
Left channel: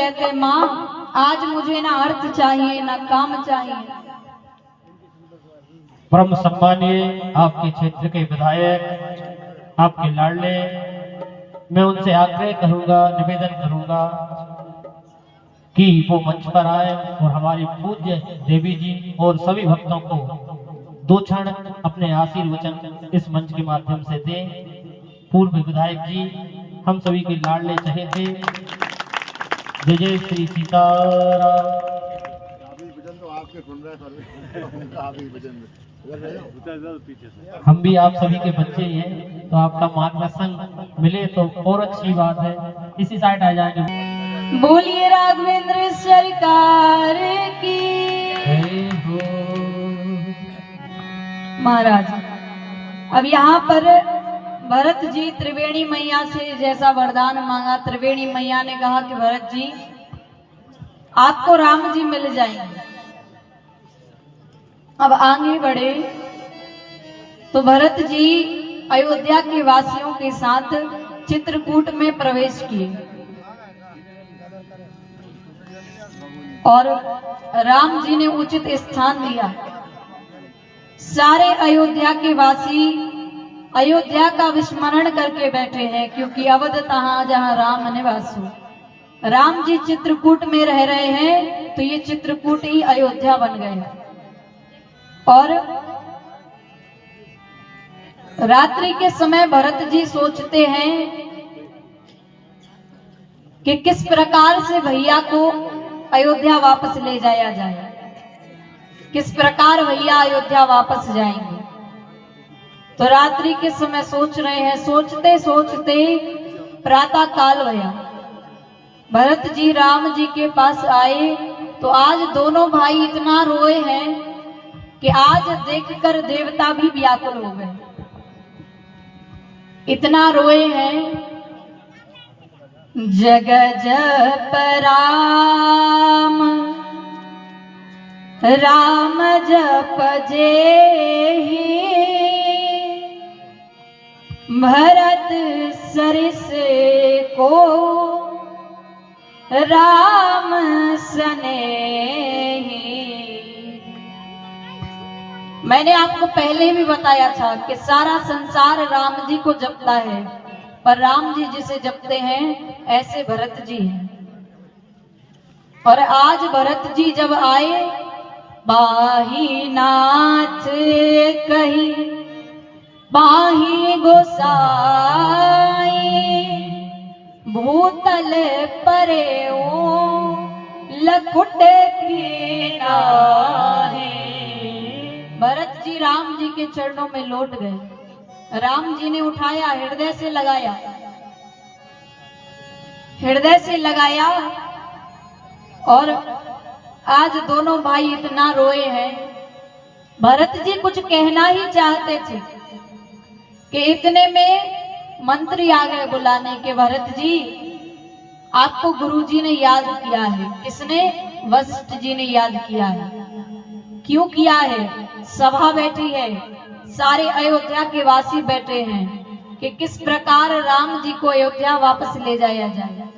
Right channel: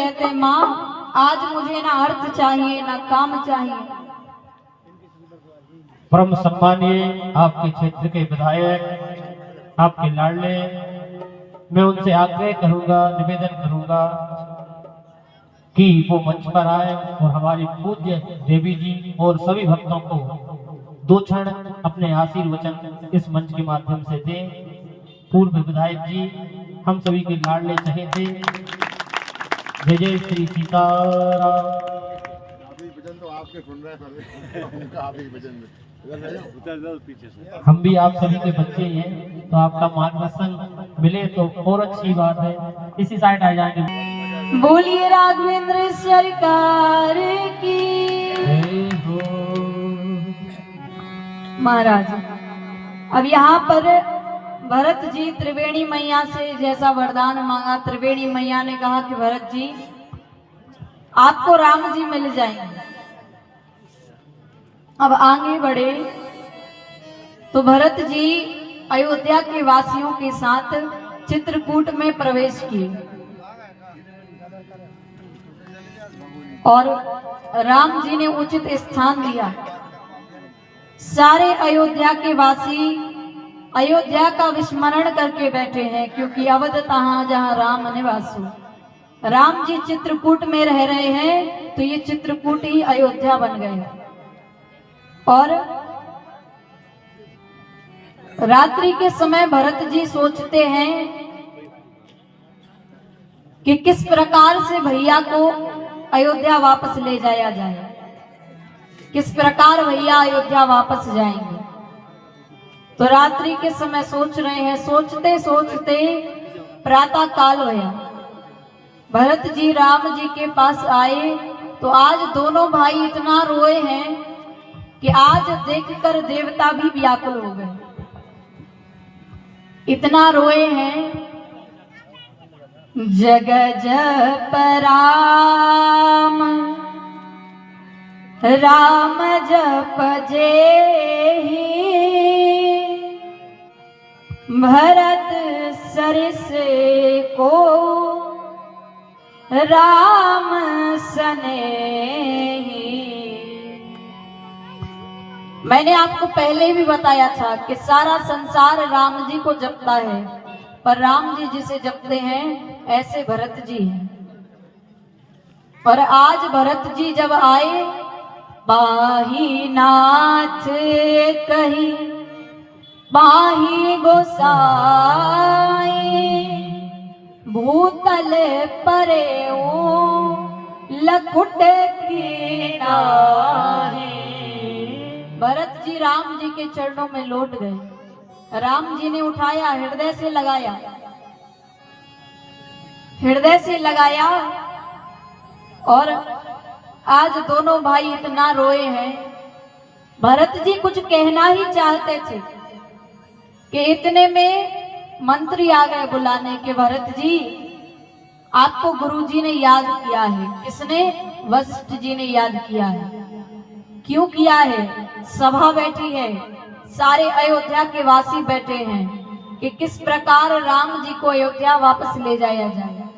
कहते हैं, माँ आज मुझे ना अर्थ चाहिए ना काम चाहिए। परम सम्मानीय आपके क्षेत्र के विधायक, आपके लाडले, मैं उनसे आग्रह करूंगा, निवेदन करूंगा कि वो मंच पर आए और हमारी पूज्य देवी जी और सभी भक्तों को 2 क्षण अपने आशीर्वचन इस मंच के माध्यम से दें। पूर्व विधायक जी, हम सभी के लाडले चहेते, जय जय श्री सीताराम। हम भी आप सभी के बच्चे हैं, तो आपका मार्गदर्शन मिले तो और अच्छी बात है। इसी साइड आ जाएंगे। बोलिए राघवेंद्र सरकार की। महाराज, अब यहाँ पर भरत जी त्रिवेणी मैया से जैसा वरदान मांगा, त्रिवेणी मैया ने कहा कि भरत जी आपको राम जी मिल जाएंगे। अब आगे बढ़े तो भरत जी अयोध्या के वासियों के साथ चित्रकूट में प्रवेश किए और राम जी ने उचित स्थान दिया। सारे अयोध्या के वासी अयोध्या का विस्मरण करके बैठे हैं, क्योंकि अवध तहां जहां राम निवासु। राम जी चित्रकूट में रह रहे हैं तो ये चित्रकूट ही अयोध्या बन गए। और रात्रि के समय भरत जी सोचते हैं कि किस प्रकार से भैया को अयोध्या वापस ले जाया जाए, किस प्रकार भैया अयोध्या वापस जाएंगे। तो रात्रि के समय सोच रहे हैं, सोचते सोचते प्रातः काल भया। भरत जी राम जी के पास आए तो आज दोनों भाई इतना रोए हैं कि आज देखकर देवता भी व्याकुल हो गए। इतना रोए हैं, जग जप राम राम जप जेहि, भरत सरिस को राम सनेहि। मैंने आपको पहले भी बताया था कि सारा संसार राम जी को जपता है, पर राम जी जिसे जपते हैं ऐसे भरत जी हैं। और आज भरत जी जब आए, बाही नाथ कही बाही गोसाई, भूतल परे लखुट की नाहे। भरत जी राम जी के चरणों में लौट गए। राम जी ने उठाया, हृदय से लगाया, हृदय से लगाया। और आज दोनों भाई इतना रोए हैं। भरत जी कुछ कहना ही चाहते थे कि इतने में मंत्री आ गए बुलाने के, भरत जी आपको गुरुजी ने याद किया है। किसने? वशिष्ठ जी ने याद किया है। क्यों किया है? सभा बैठी है, सारे अयोध्या के वासी बैठे हैं कि किस प्रकार राम जी को अयोध्या वापस ले जाया जाए।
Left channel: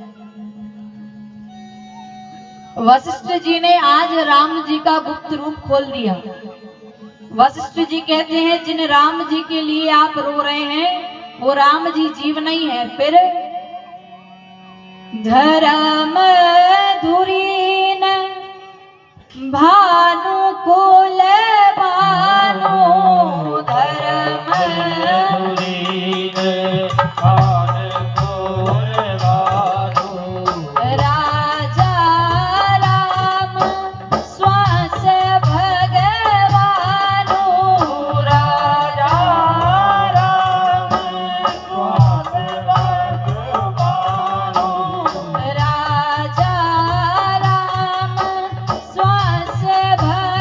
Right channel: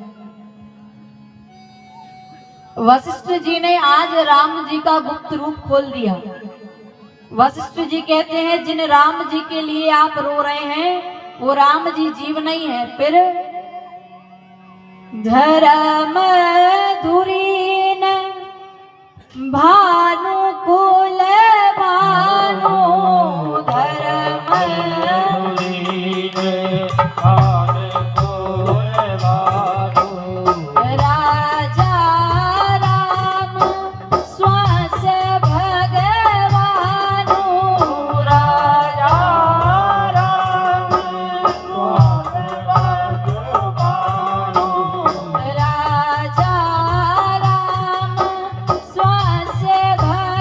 वशिष्ठ जी ने आज राम जी का गुप्त रूप खोल दिया। वशिष्ठ जी कहते हैं, जिन राम जी के लिए आप रो रहे हैं वो राम जी जीव नहीं है। फिर धर्म धुरीन भानु कुल भानु, धर्म धुरीन भानु कुल भानु, राजा राम स्वास भगवानु, राजा राम स्वास भगवानु, राजा राम स्वास भगवानु,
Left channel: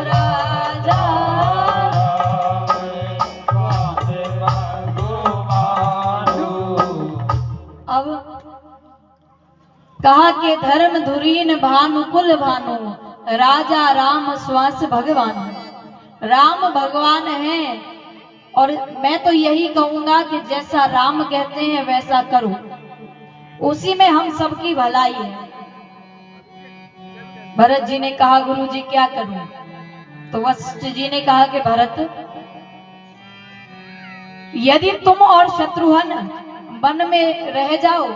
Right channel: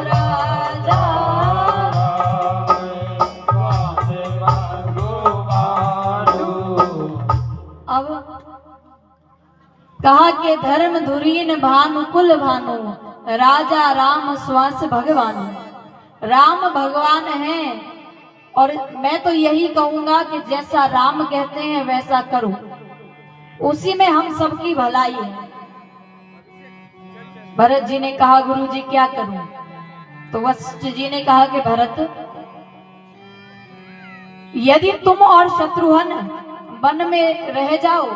राजा अब कहा कि धर्म धुरीन भानु कुल भानु, राजा राम स्वास भगवान। राम भगवान है और मैं तो यही कहूंगा कि जैसा राम कहते हैं वैसा करो। उसी में हम सबकी भलाई है। भरत जी ने कहा गुरु जी क्या करूं? तो वशिष्ठ जी ने कहा कि भरत, यदि तुम और शत्रुघ्न वन में रह जाओ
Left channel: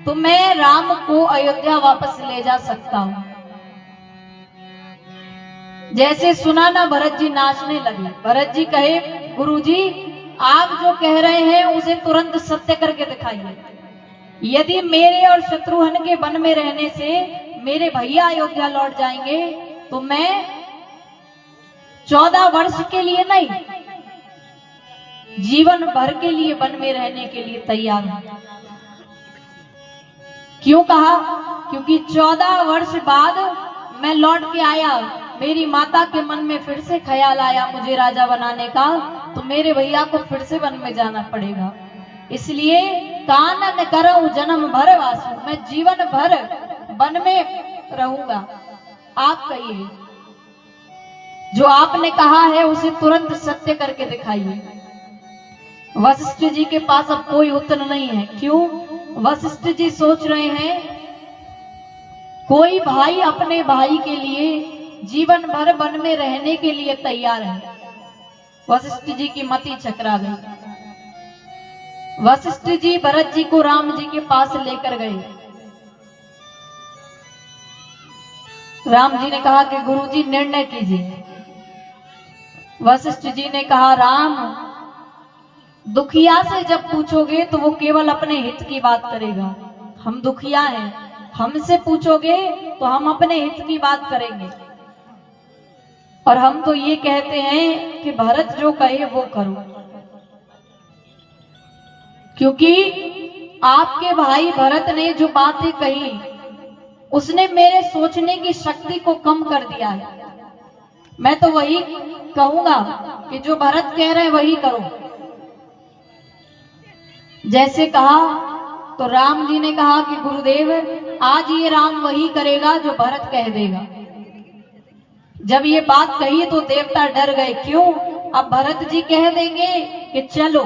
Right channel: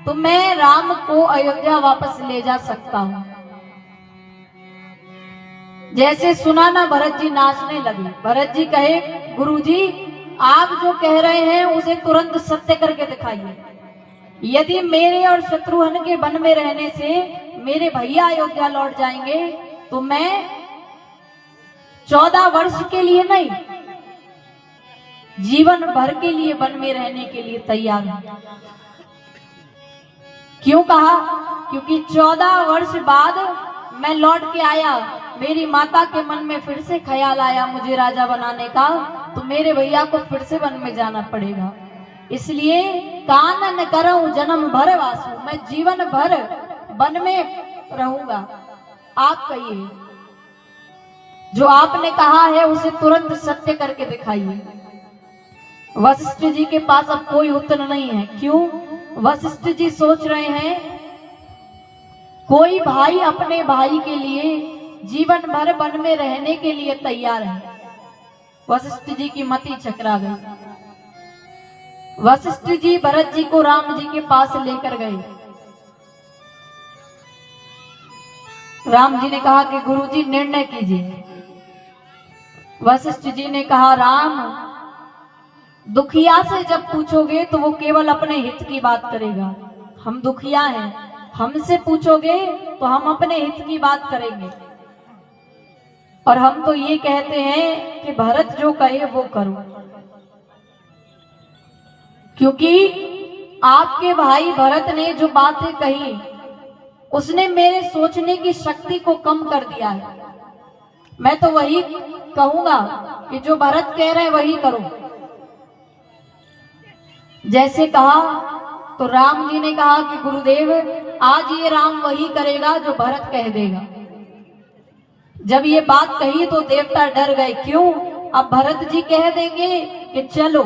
तो मैं राम को अयोध्या वापस ले जा सकता हूं। जैसे सुना ना, भरत जी नाचने लगे। भरत जी कहे गुरुजी, आप जो कह रहे हैं उसे तुरंत सत्य करके दिखाइए। यदि मेरे और शत्रुघ्न के वन में रहने से मेरे भैया अयोध्या लौट जाएंगे तो मैं 14 वर्ष के लिए नहीं, जीवन भर के लिए वन में रहने के लिए तैयार हूं। क्यों कहा? क्योंकि 14 वर्ष बाद मैं लौट के आया, मेरी माता के मन में फिर से ख्याल आया मुझे राजा बनाने का, तो मेरे भैया को फिर से वन में जाना पड़ेगा। इसलिए कानन करऊं जन्म भर वासु, मैं जीवन भर वन में रहूंगा। आप कहिए, जो आपने कहा है उसे तुरंत सत्य करके दिखाइए। वशिष्ठ जी के पास अब कोई उत्तर नहीं है। क्यों? वशिष्ठ जी सोच रहे हैं कोई भाई अपने भाई के लिए जीवन भर वन में रहने के लिए तैयार है। वशिष्ठ जी की मति चकरा गई। वशिष्ठ जी भरत जी को राम जी के पास लेकर गए। राम जी ने कहा कि गुरुजी निर्णय कीजिए। वशिष्ठ जी ने कहा, राम, दुखिया से जब पूछोगे तो वो केवल अपने हित की बात करेगा। हम दुखिया हैं, हमसे पूछोगे तो हम अपने हित की बात करेंगे। और हम तो ये कहते हैं कि भरत जो कहे वो करो, क्योंकि आपके भाई भरत ने जो बातें कही उसने मेरे सोचने की शक्ति को कम कर दिया है। मैं तो वही कहूंगा कि जो भरत कह रहे हैं वही करो। जैसे कहा तो राम जी ने कहा कि गुरुदेव, आज ये राम वही करेगा जो भरत कह देगा। जब ये बात कही तो देवता डर गए। क्यों? अब भरत जी कह देंगे कि चलो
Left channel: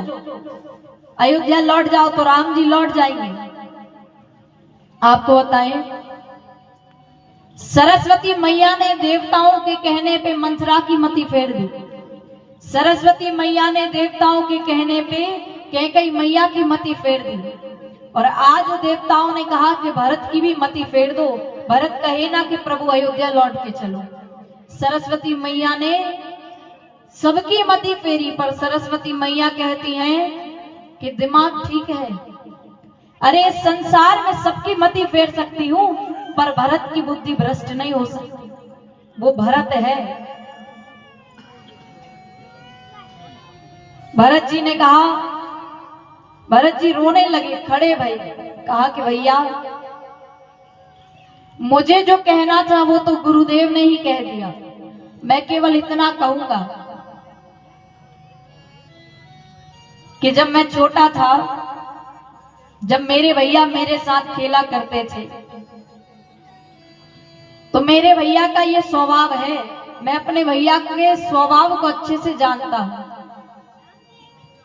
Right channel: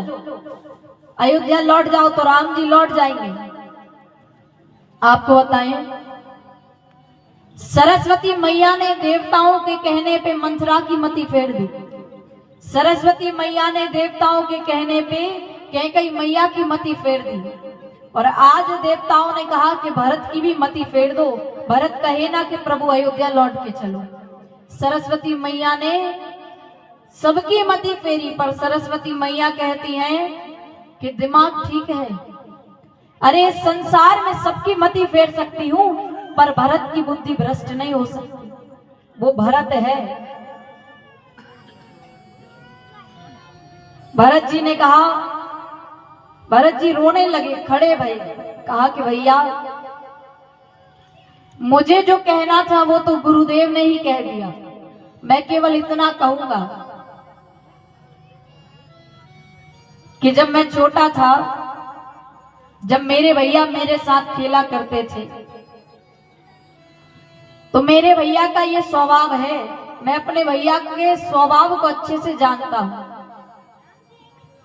अयोध्या लौट जाओ तो राम जी लौट जाएंगे। आपको बताएं, सरस्वती मैया ने देवताओं के कहने पे मंथरा की मति फेर दी। सरस्वती मैया ने देवताओं के कहने पे कैकेयी मैया की मति फेर दी। और आज देवताओं ने कहा कि भरत की भी मति फेर दो। भरत कहे ना कि प्रभु अयोध्या लौट के चलो। सरस्वती मैया ने सबकी मति फेरी, पर सरस्वती मैया कहती हैं कि दिमाग ठीक है। अरे संसार में सबकी मति फेर सकती हूं, पर भरत की बुद्धि भ्रष्ट नहीं हो सकती। वो भरत है। भरत जी ने कहा, भरत जी रोने लगे, खड़े भई, कहा कि भैया, मुझे जो कहना था वो तो गुरुदेव ने ही कह दिया। मैं केवल इतना कहूंगा कि जब मैं छोटा था, जब मेरे भैया मेरे साथ खेला करते थे, तो मेरे भैया का ये स्वभाव है, मैं अपने भैया के स्वभाव को अच्छे से जानता हूं।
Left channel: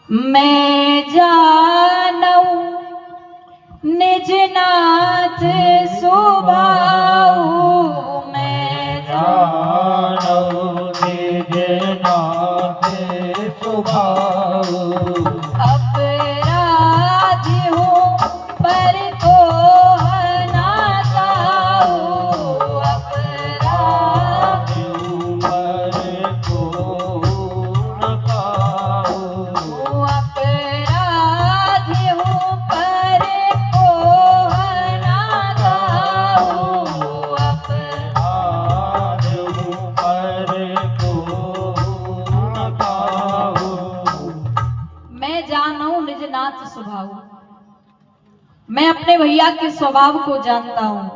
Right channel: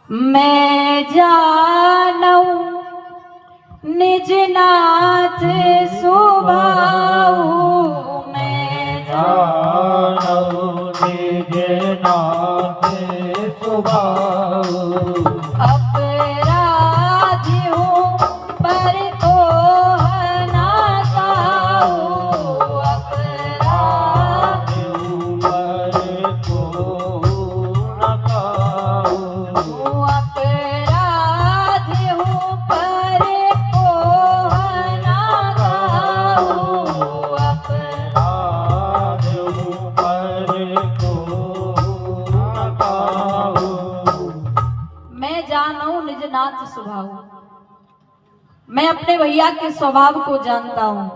मैं जानू निज नाथ स्वभाव, मैं जानू निज नाथ स्वभाव, अपराधी हूँ पर तो ना गाऊं, अपराधी हूँ पर तो न पाऊं, अपराधी हूँ पर तो ना गाऊं, अपराधी हूँ पर तो न पाऊं। मैं जानू निज नाथ स्वभाव, मैं अपने भैया के स्वभाव को जानता हूँ।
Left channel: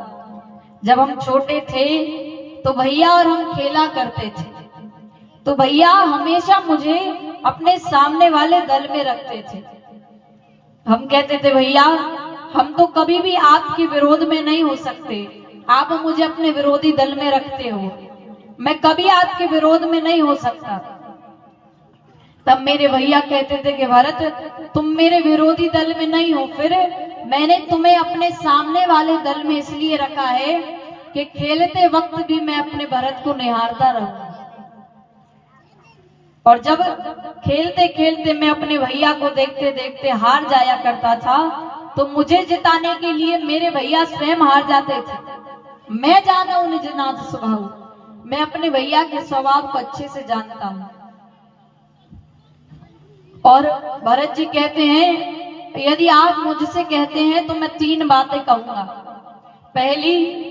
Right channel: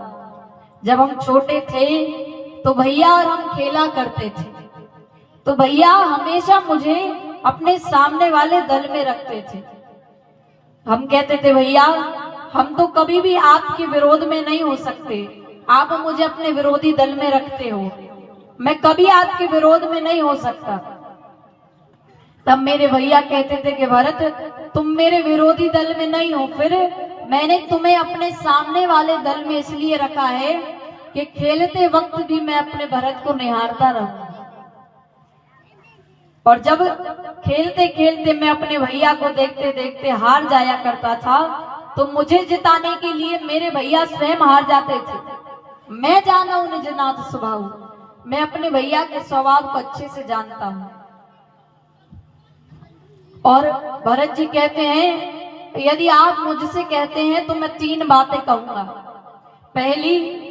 जब हम छोटे थे तो भैया और हम खेला करते थे, तो भैया हमेशा मुझे अपने सामने वाले दल में रखते थे। हम कहते थे भैया, हम तो कभी भी आपके विरोध में नहीं हो सकते, आप मुझे अपने विरोधी दल में रखते हो, मैं कभी आपके विरोध में नहीं हो सकता। तब मेरे भैया कहते थे कि भरत, तुम मेरे विरोधी दल में नहीं हो, फिर मैंने तुम्हें अपने सामने वाले दल में इसलिए रखा है कि खेलते वक्त भी मैं अपने भरत को निहारता रहूं। और जब खेलते खेलते मैं अपने भैया को देखते देखते हार जाया करता था, तो मुझे जिताने के लिए मेरे भैया स्वयं हार जाते थे। मैं जाना हूं निज नाथ स्वभाव, मैं अपने भैया के स्वभाव को अच्छे से जानता हूं। और भरत जी कहते हैं, यदि आप मुझसे कहते हैं तो मैं 3 बातें कहूंगा। पहली,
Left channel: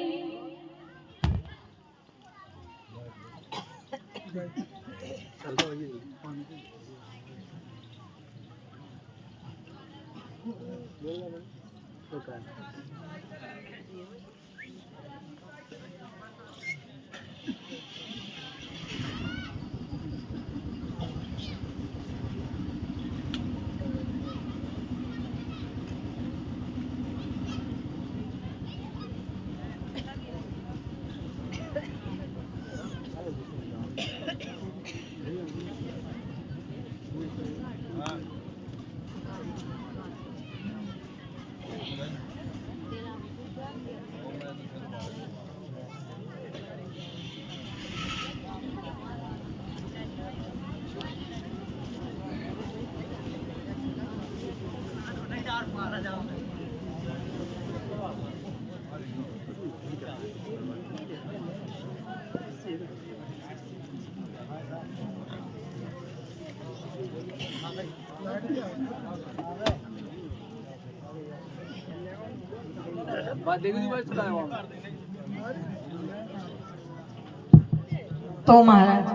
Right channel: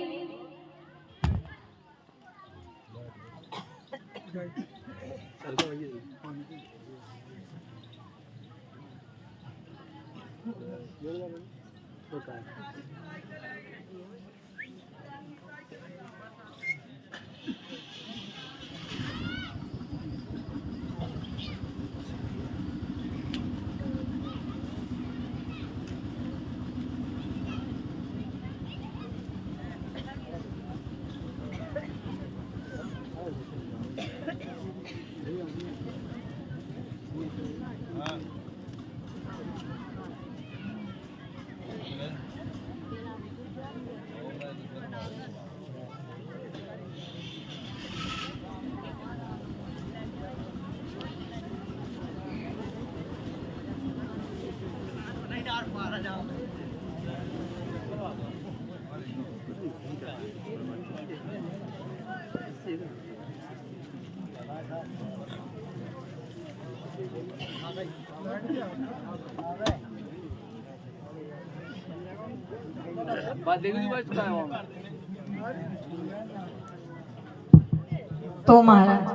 तो महाराज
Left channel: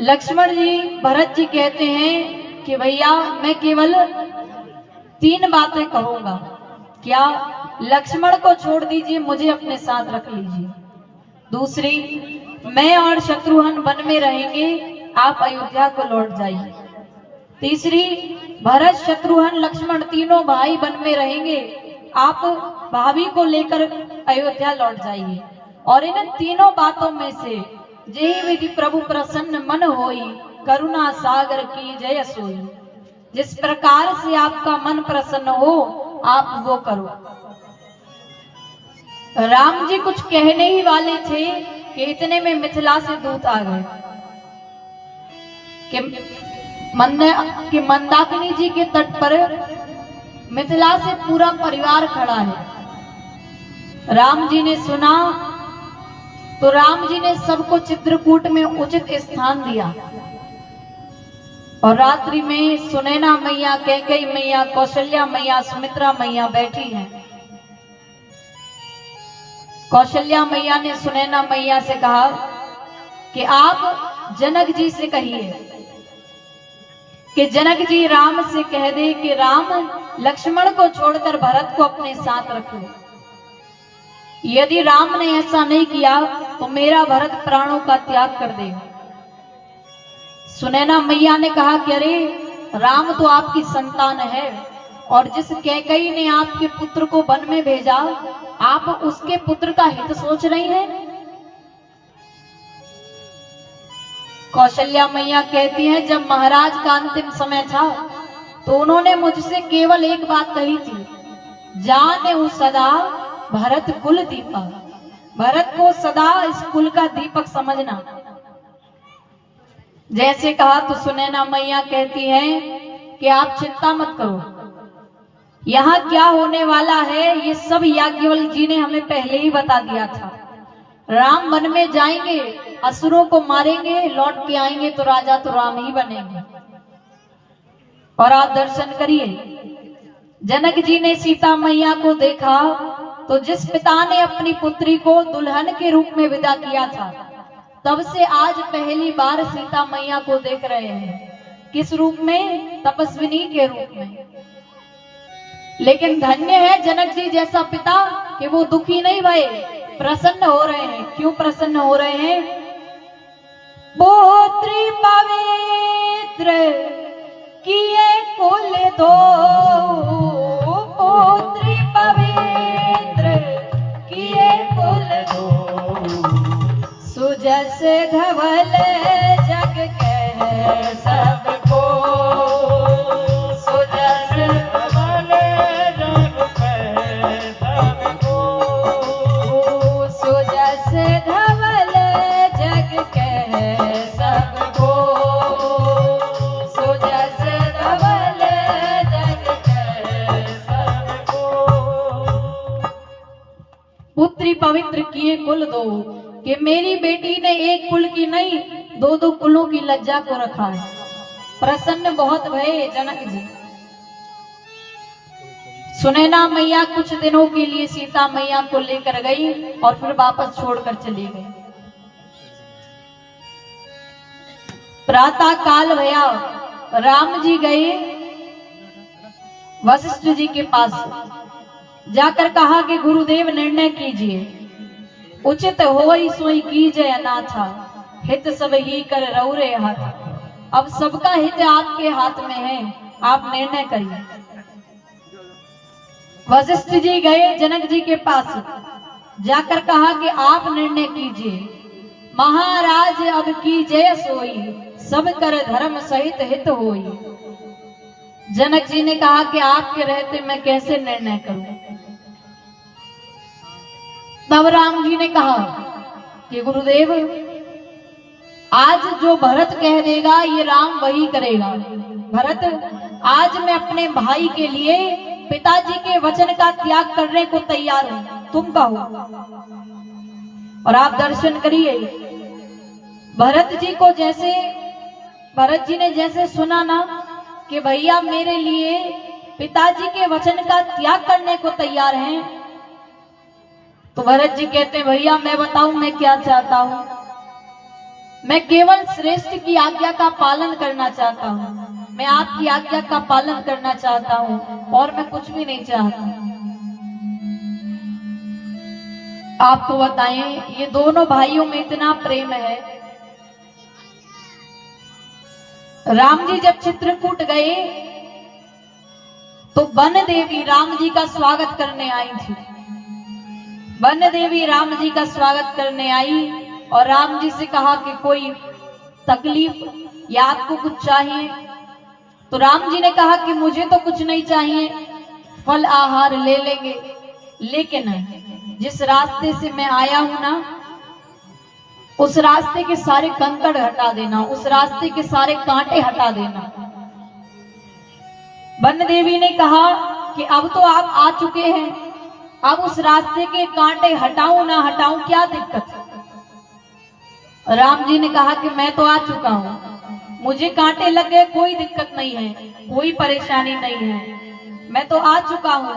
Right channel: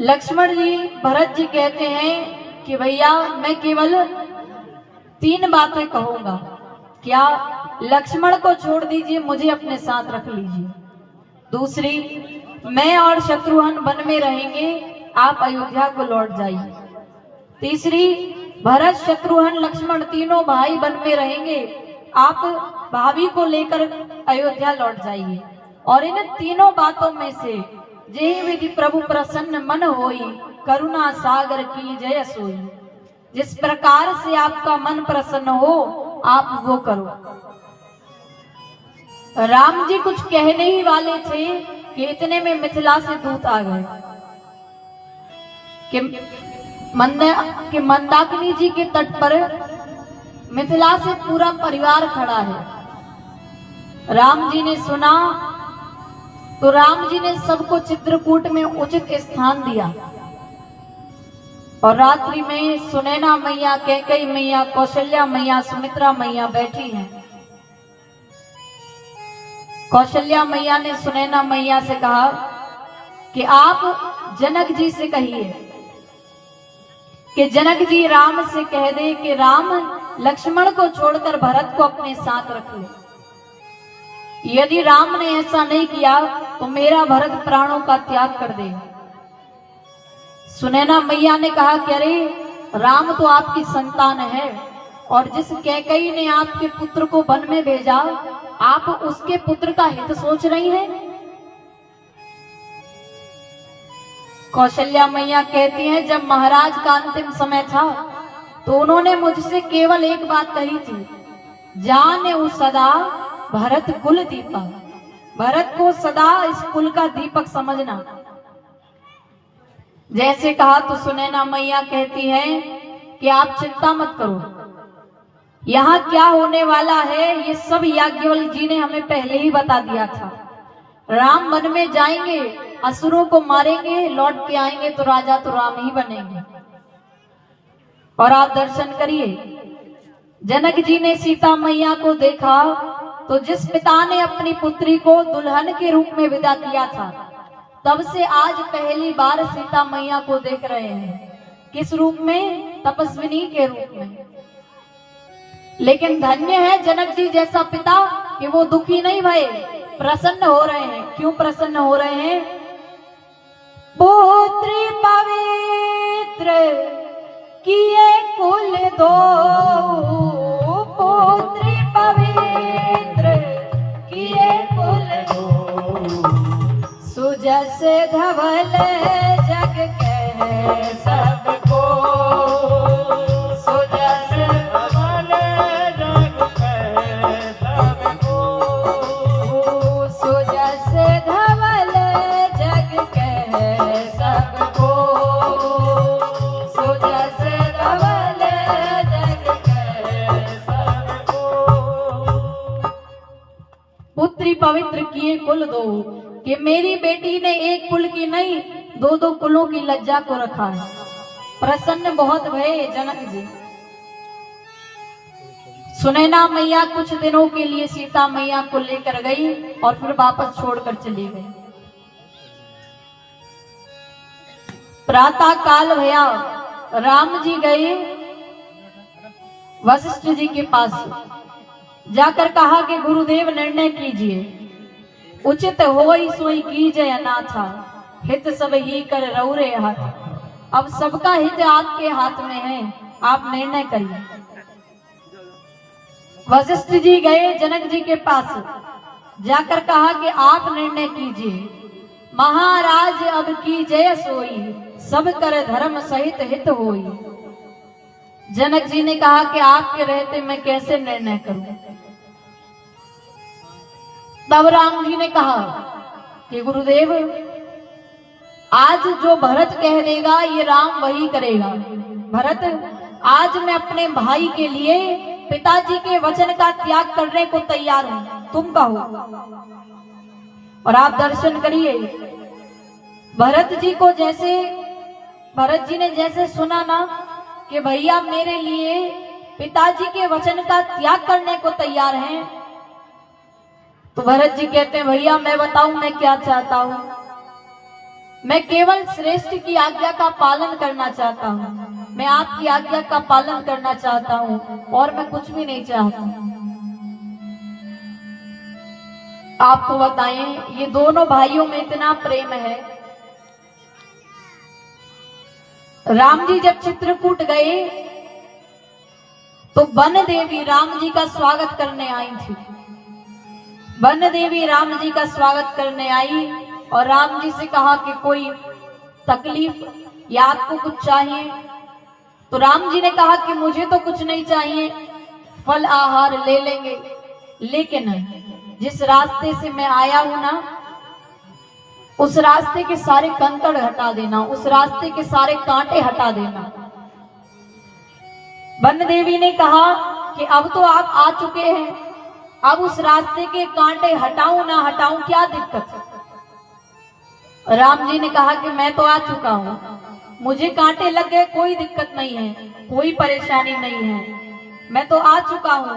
लक्ष्मण जी भरत जी कहते हैं कि भैया मैं केवल 3 बातें कहूंगा। क्या? लक्ष्मण को छोड़ दीजिए, मुझे अपने साथ रख लीजिए। दूसरी, मैं और शत्रुघ्न वन में रहेंगे, आप अयोध्या को लौट जाइए। तीसरी, भरत शत्रुघ्न लक्ष्मण तीनों भाई वन में रहेंगे, आप भाभी को लेकर अयोध्या लौट जाइए। और इन तीनों बातों में से जे विधि प्रभु प्रसन्न मन होई, करुणा सागर की जय सोई। जिस प्रकार से आपका मन प्रसन्न हो आप वो करो। राम जी कुछ कहने ही वाले थे कि इतने में मिथिला से दूत आ गए कि मंदाकिनी जी के तट पर मिथिला से पूरा परिवार खड़ा है। राम जी ने सुना तो राम जी ने सबको चित्रकूट में उचित स्थान दिया। और रात्रि में सुनैना मैया, कैकेयी मैया, कौशल्या मैया, सुमित्रा मैया बैठी हैं। कौशल्या मैया ने सुनैना मैया से कहा कि आप जनक जी से कहिए कि जनक जी राम से कह दे कि राम लक्ष्मण को छोड़कर भरत को अपने साथ रख ले। यदि राम ने ऐसा नहीं किया तो मेरा भरत प्राणों का त्याग कर देगा। सुनैना मैया ने कहा कि अरे राम तो आपकी संतान है, और जिस कैकेयी ने आपके पुत्र को वन में भेजा, आप उसके पुत्र का हित सोच रही हैं। कौशल्या मैया कहती हैं, जब महाराज का अंतिम समय था तो उन्होंने मुझसे केवल एक बात कही थी, जाने उस सदा भरत कुल दीपक, भरत को सदा इस कुल का दीपक समझना। जैसे कहा तो सुनैना मैया कहती है कि आप चिंता मत करो, यहाँ क्या होने वाला है ये सब याज्ञवल्क्य जी ने हमें पहले ही बता दिया था। राम वन में जाएंगे, असुरों को मारेंगे, लौट के आएंगे तो राजा तो राम ही बनेंगे। और आप दर्शन करिए, जनक जी ने सीता मैया को देखा तो जिस पिता ने अपनी पुत्री को दुल्हन के रूप में विदा किया था, तब से आज पहली बार सीता मैया को देख रहे हैं। किस रूप में? तपस्विनी के रूप में। लेकिन धन्य है जनक जी जैसा पिता कि वो दुखी नहीं भये, प्रसन्न हो रहे हैं। क्यों प्रसन्न हो रहे हैं? पुत्री पवित्र किए कुल दो, पुत्री पवित्र किए कुल दो, सुजस धवल जग कह सबको, सुजस धवल पुत्री पवित्र किए कुल दो, कि मेरी बेटी ने एक कुल की नहीं दो दो कुलों की लज्जा को रखा है। प्रसन्न बहुत भये जनक जी। सुनैना मैया कुछ दिनों के लिए सीता मैया को लेकर गई और फिर वापस छोड़कर चली गई। प्रातः काल भया, राम जी गए वशिष्ठ जी के पास, जाकर कहा कि गुरुदेव निर्णय कीजिए, उचित होई सोई कीजिए अनाथा, हित सब ही कर रौरे हाथ। अब सबका हित आपके हाथ में है, आप निर्णय करिए। वशिष्ठ जी गए जनक जी के पास, जाकर कहा कि आप निर्णय कीजिए। महाराज अब कीजिए सोई, सब कर धर्म सहित हित होई। जनक जी ने कहा कि आपके रहते मैं कैसे निर्णय करूं। तब राम जी ने कहा कि गुरुदेव, आज जो भरत कह देगा ये राम वही करेगा। भरत, आज मैं अपने भाई के लिए पिताजी के वचन का त्याग करने को तैयार हूं, तुम कहो। और आप दर्शन करिए, भरत जी ने जैसे सुना ना कि भैया मेरे लिए पिताजी के वचन का त्याग करने को तैयार हैं, तो भरत जी कहते हैं भैया मैं बताऊं मैं क्या चाहता हूं। मैं केवल श्रेष्ठ की आज्ञा का पालन करना चाहता हूं, मैं आपकी आज्ञा का पालन करना चाहता हूं और मैं कुछ भी नहीं चाहता। आपको बताएं, ये दोनों भाइयों में इतना प्रेम है। राम जी जब चित्रकूट गए तो वन देवी राम जी का स्वागत करने आई थी। वन देवी राम जी का स्वागत करने आई और राम जी से कहा कि कोई तकलीफ या आपको कुछ चाहिए। तो राम जी ने कहा कि मुझे तो कुछ नहीं चाहिए, फल आहार ले लेंगे, लेकिन जिस रास्ते से मैं आया हूं ना, उस रास्ते के सारे कंकड़ हटा देना, उस रास्ते के सारे कांटे हटा देना। वन देवी ने कहा कि अब तो आप आ चुके हैं, अब उस रास्ते के कांटे हटाऊं ना हटाऊं, क्या दिक्कत है। राम जी ने कहा कि मैं तो आ चुका हूं, मुझे कांटे लग गए, कोई दिक्कत नहीं है, कोई परेशानी नहीं है, मैं तो आ चुका हूं,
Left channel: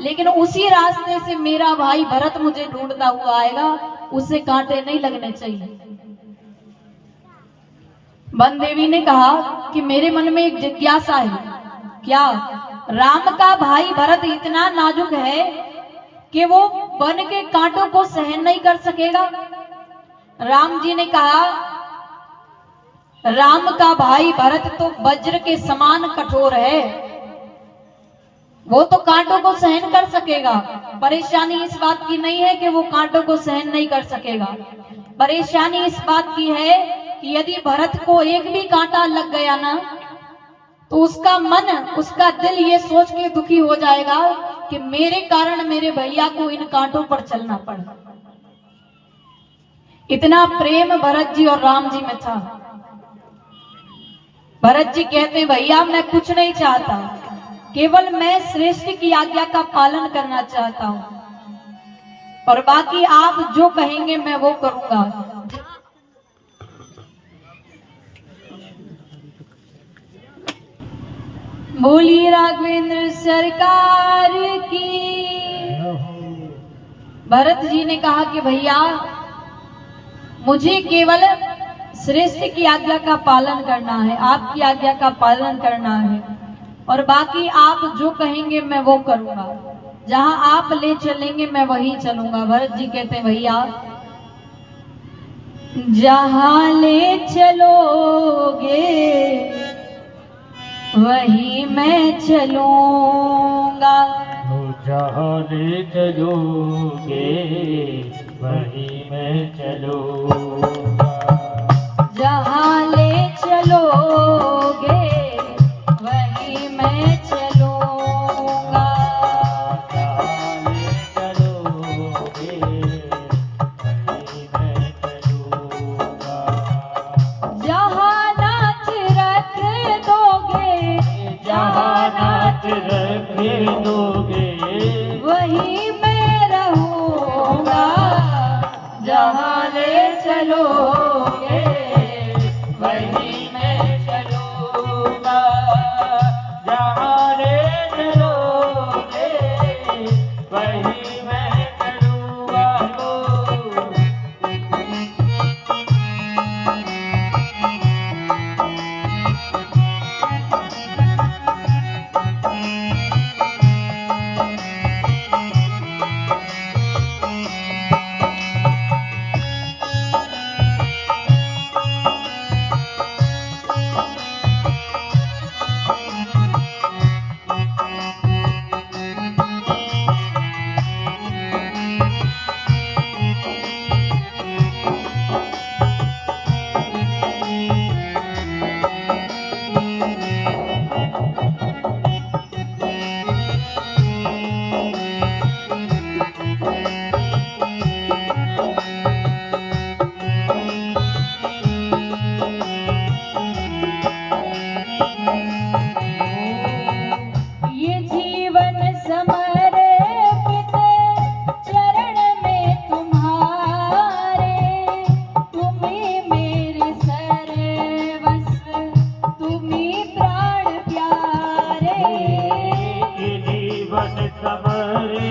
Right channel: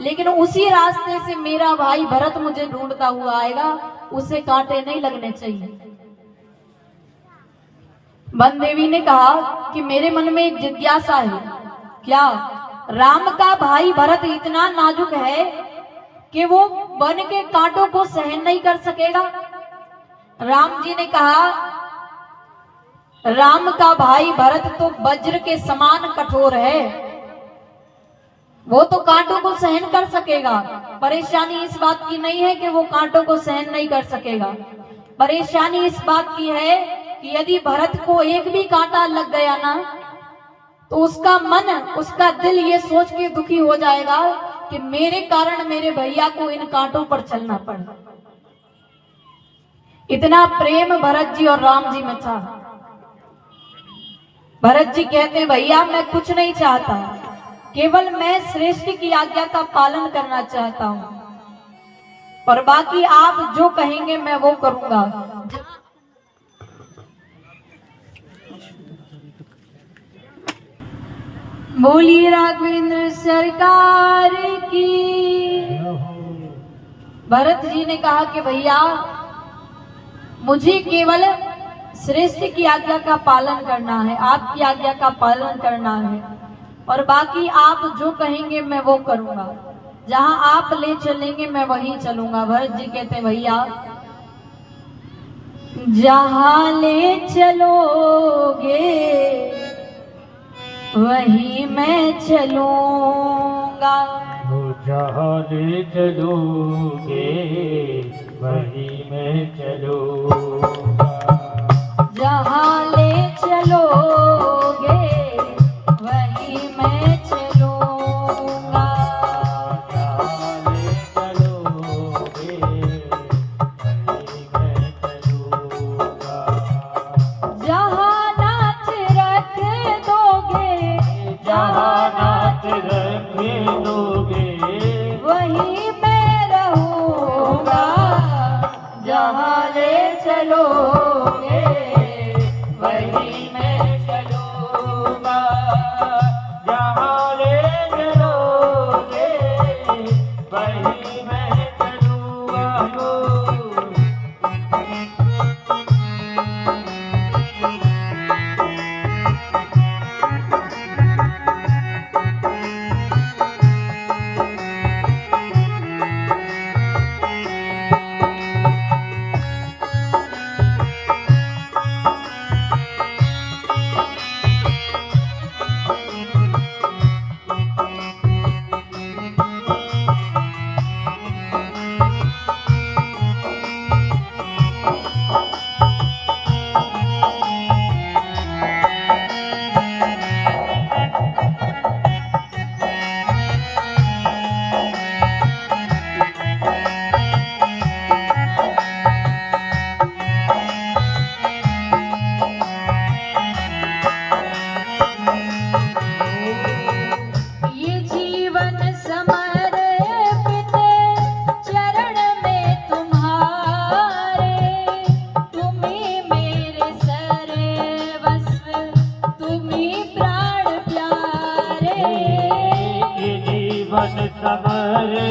लेकिन उसी रास्ते से मेरा भाई भरत मुझे ढूंढता हुआ आएगा, उसे कांटे नहीं लगने चाहिए। वन देवी ने कहा कि मेरे मन में एक जिज्ञासा है, क्या राम का भाई भरत इतना नाजुक है कि वो वन के कांटों को सहन नहीं कर सकेगा। राम जी ने कहा, राम का भाई भरत तो वज्र के समान कठोर है, वो तो कांटों को सहन कर सकेगा। परेशानी इस बात की नहीं है कि वो कांटों को सहन नहीं कर सकेगा, परेशानी इस बात की है कि यदि भरत को एक भी कांटा लग गया ना, तो उसका मन, उसका दिल ये सोच के दुखी हो जाएगा कि मेरे कारण मेरे भैया को इन कांटों पर चलना पड़ा। इतना प्रेम भरत जी और राम जी में था। भरत जी कहते भैया मैं कुछ नहीं चाहता, केवल मैं श्रेष्ठ की आज्ञा का पालन करना चाहता हूं, और बाकी आप जो कहेंगे मैं वो करूंगा। बोली राघवेंद्र सरकार की। भरत जी ने कहा कि भैया मुझे केवल श्रेष्ठ की आज्ञा का पालन करना है, आपकी आज्ञा का पालन करना है, और बाकी आप जो कहेंगे मैं वो करूंगा, जहां आप ले चलेंगे मैं वहीं चलूंगा। भरत जी कहते भैया जहां ले चलोगे वहीं मैं चलूंगा, जहाँ ले चलोगे वहीं मैं चलूंगा, जहाँ ले चलोगे वहीं मैं चलूंगा, जहाँ ले चलोगे वहीं मैं चलूंगा, जहाँ नाच रख दोगे, जहाँ नाच रख दोगे वहीं मैं रहूंगा, समरे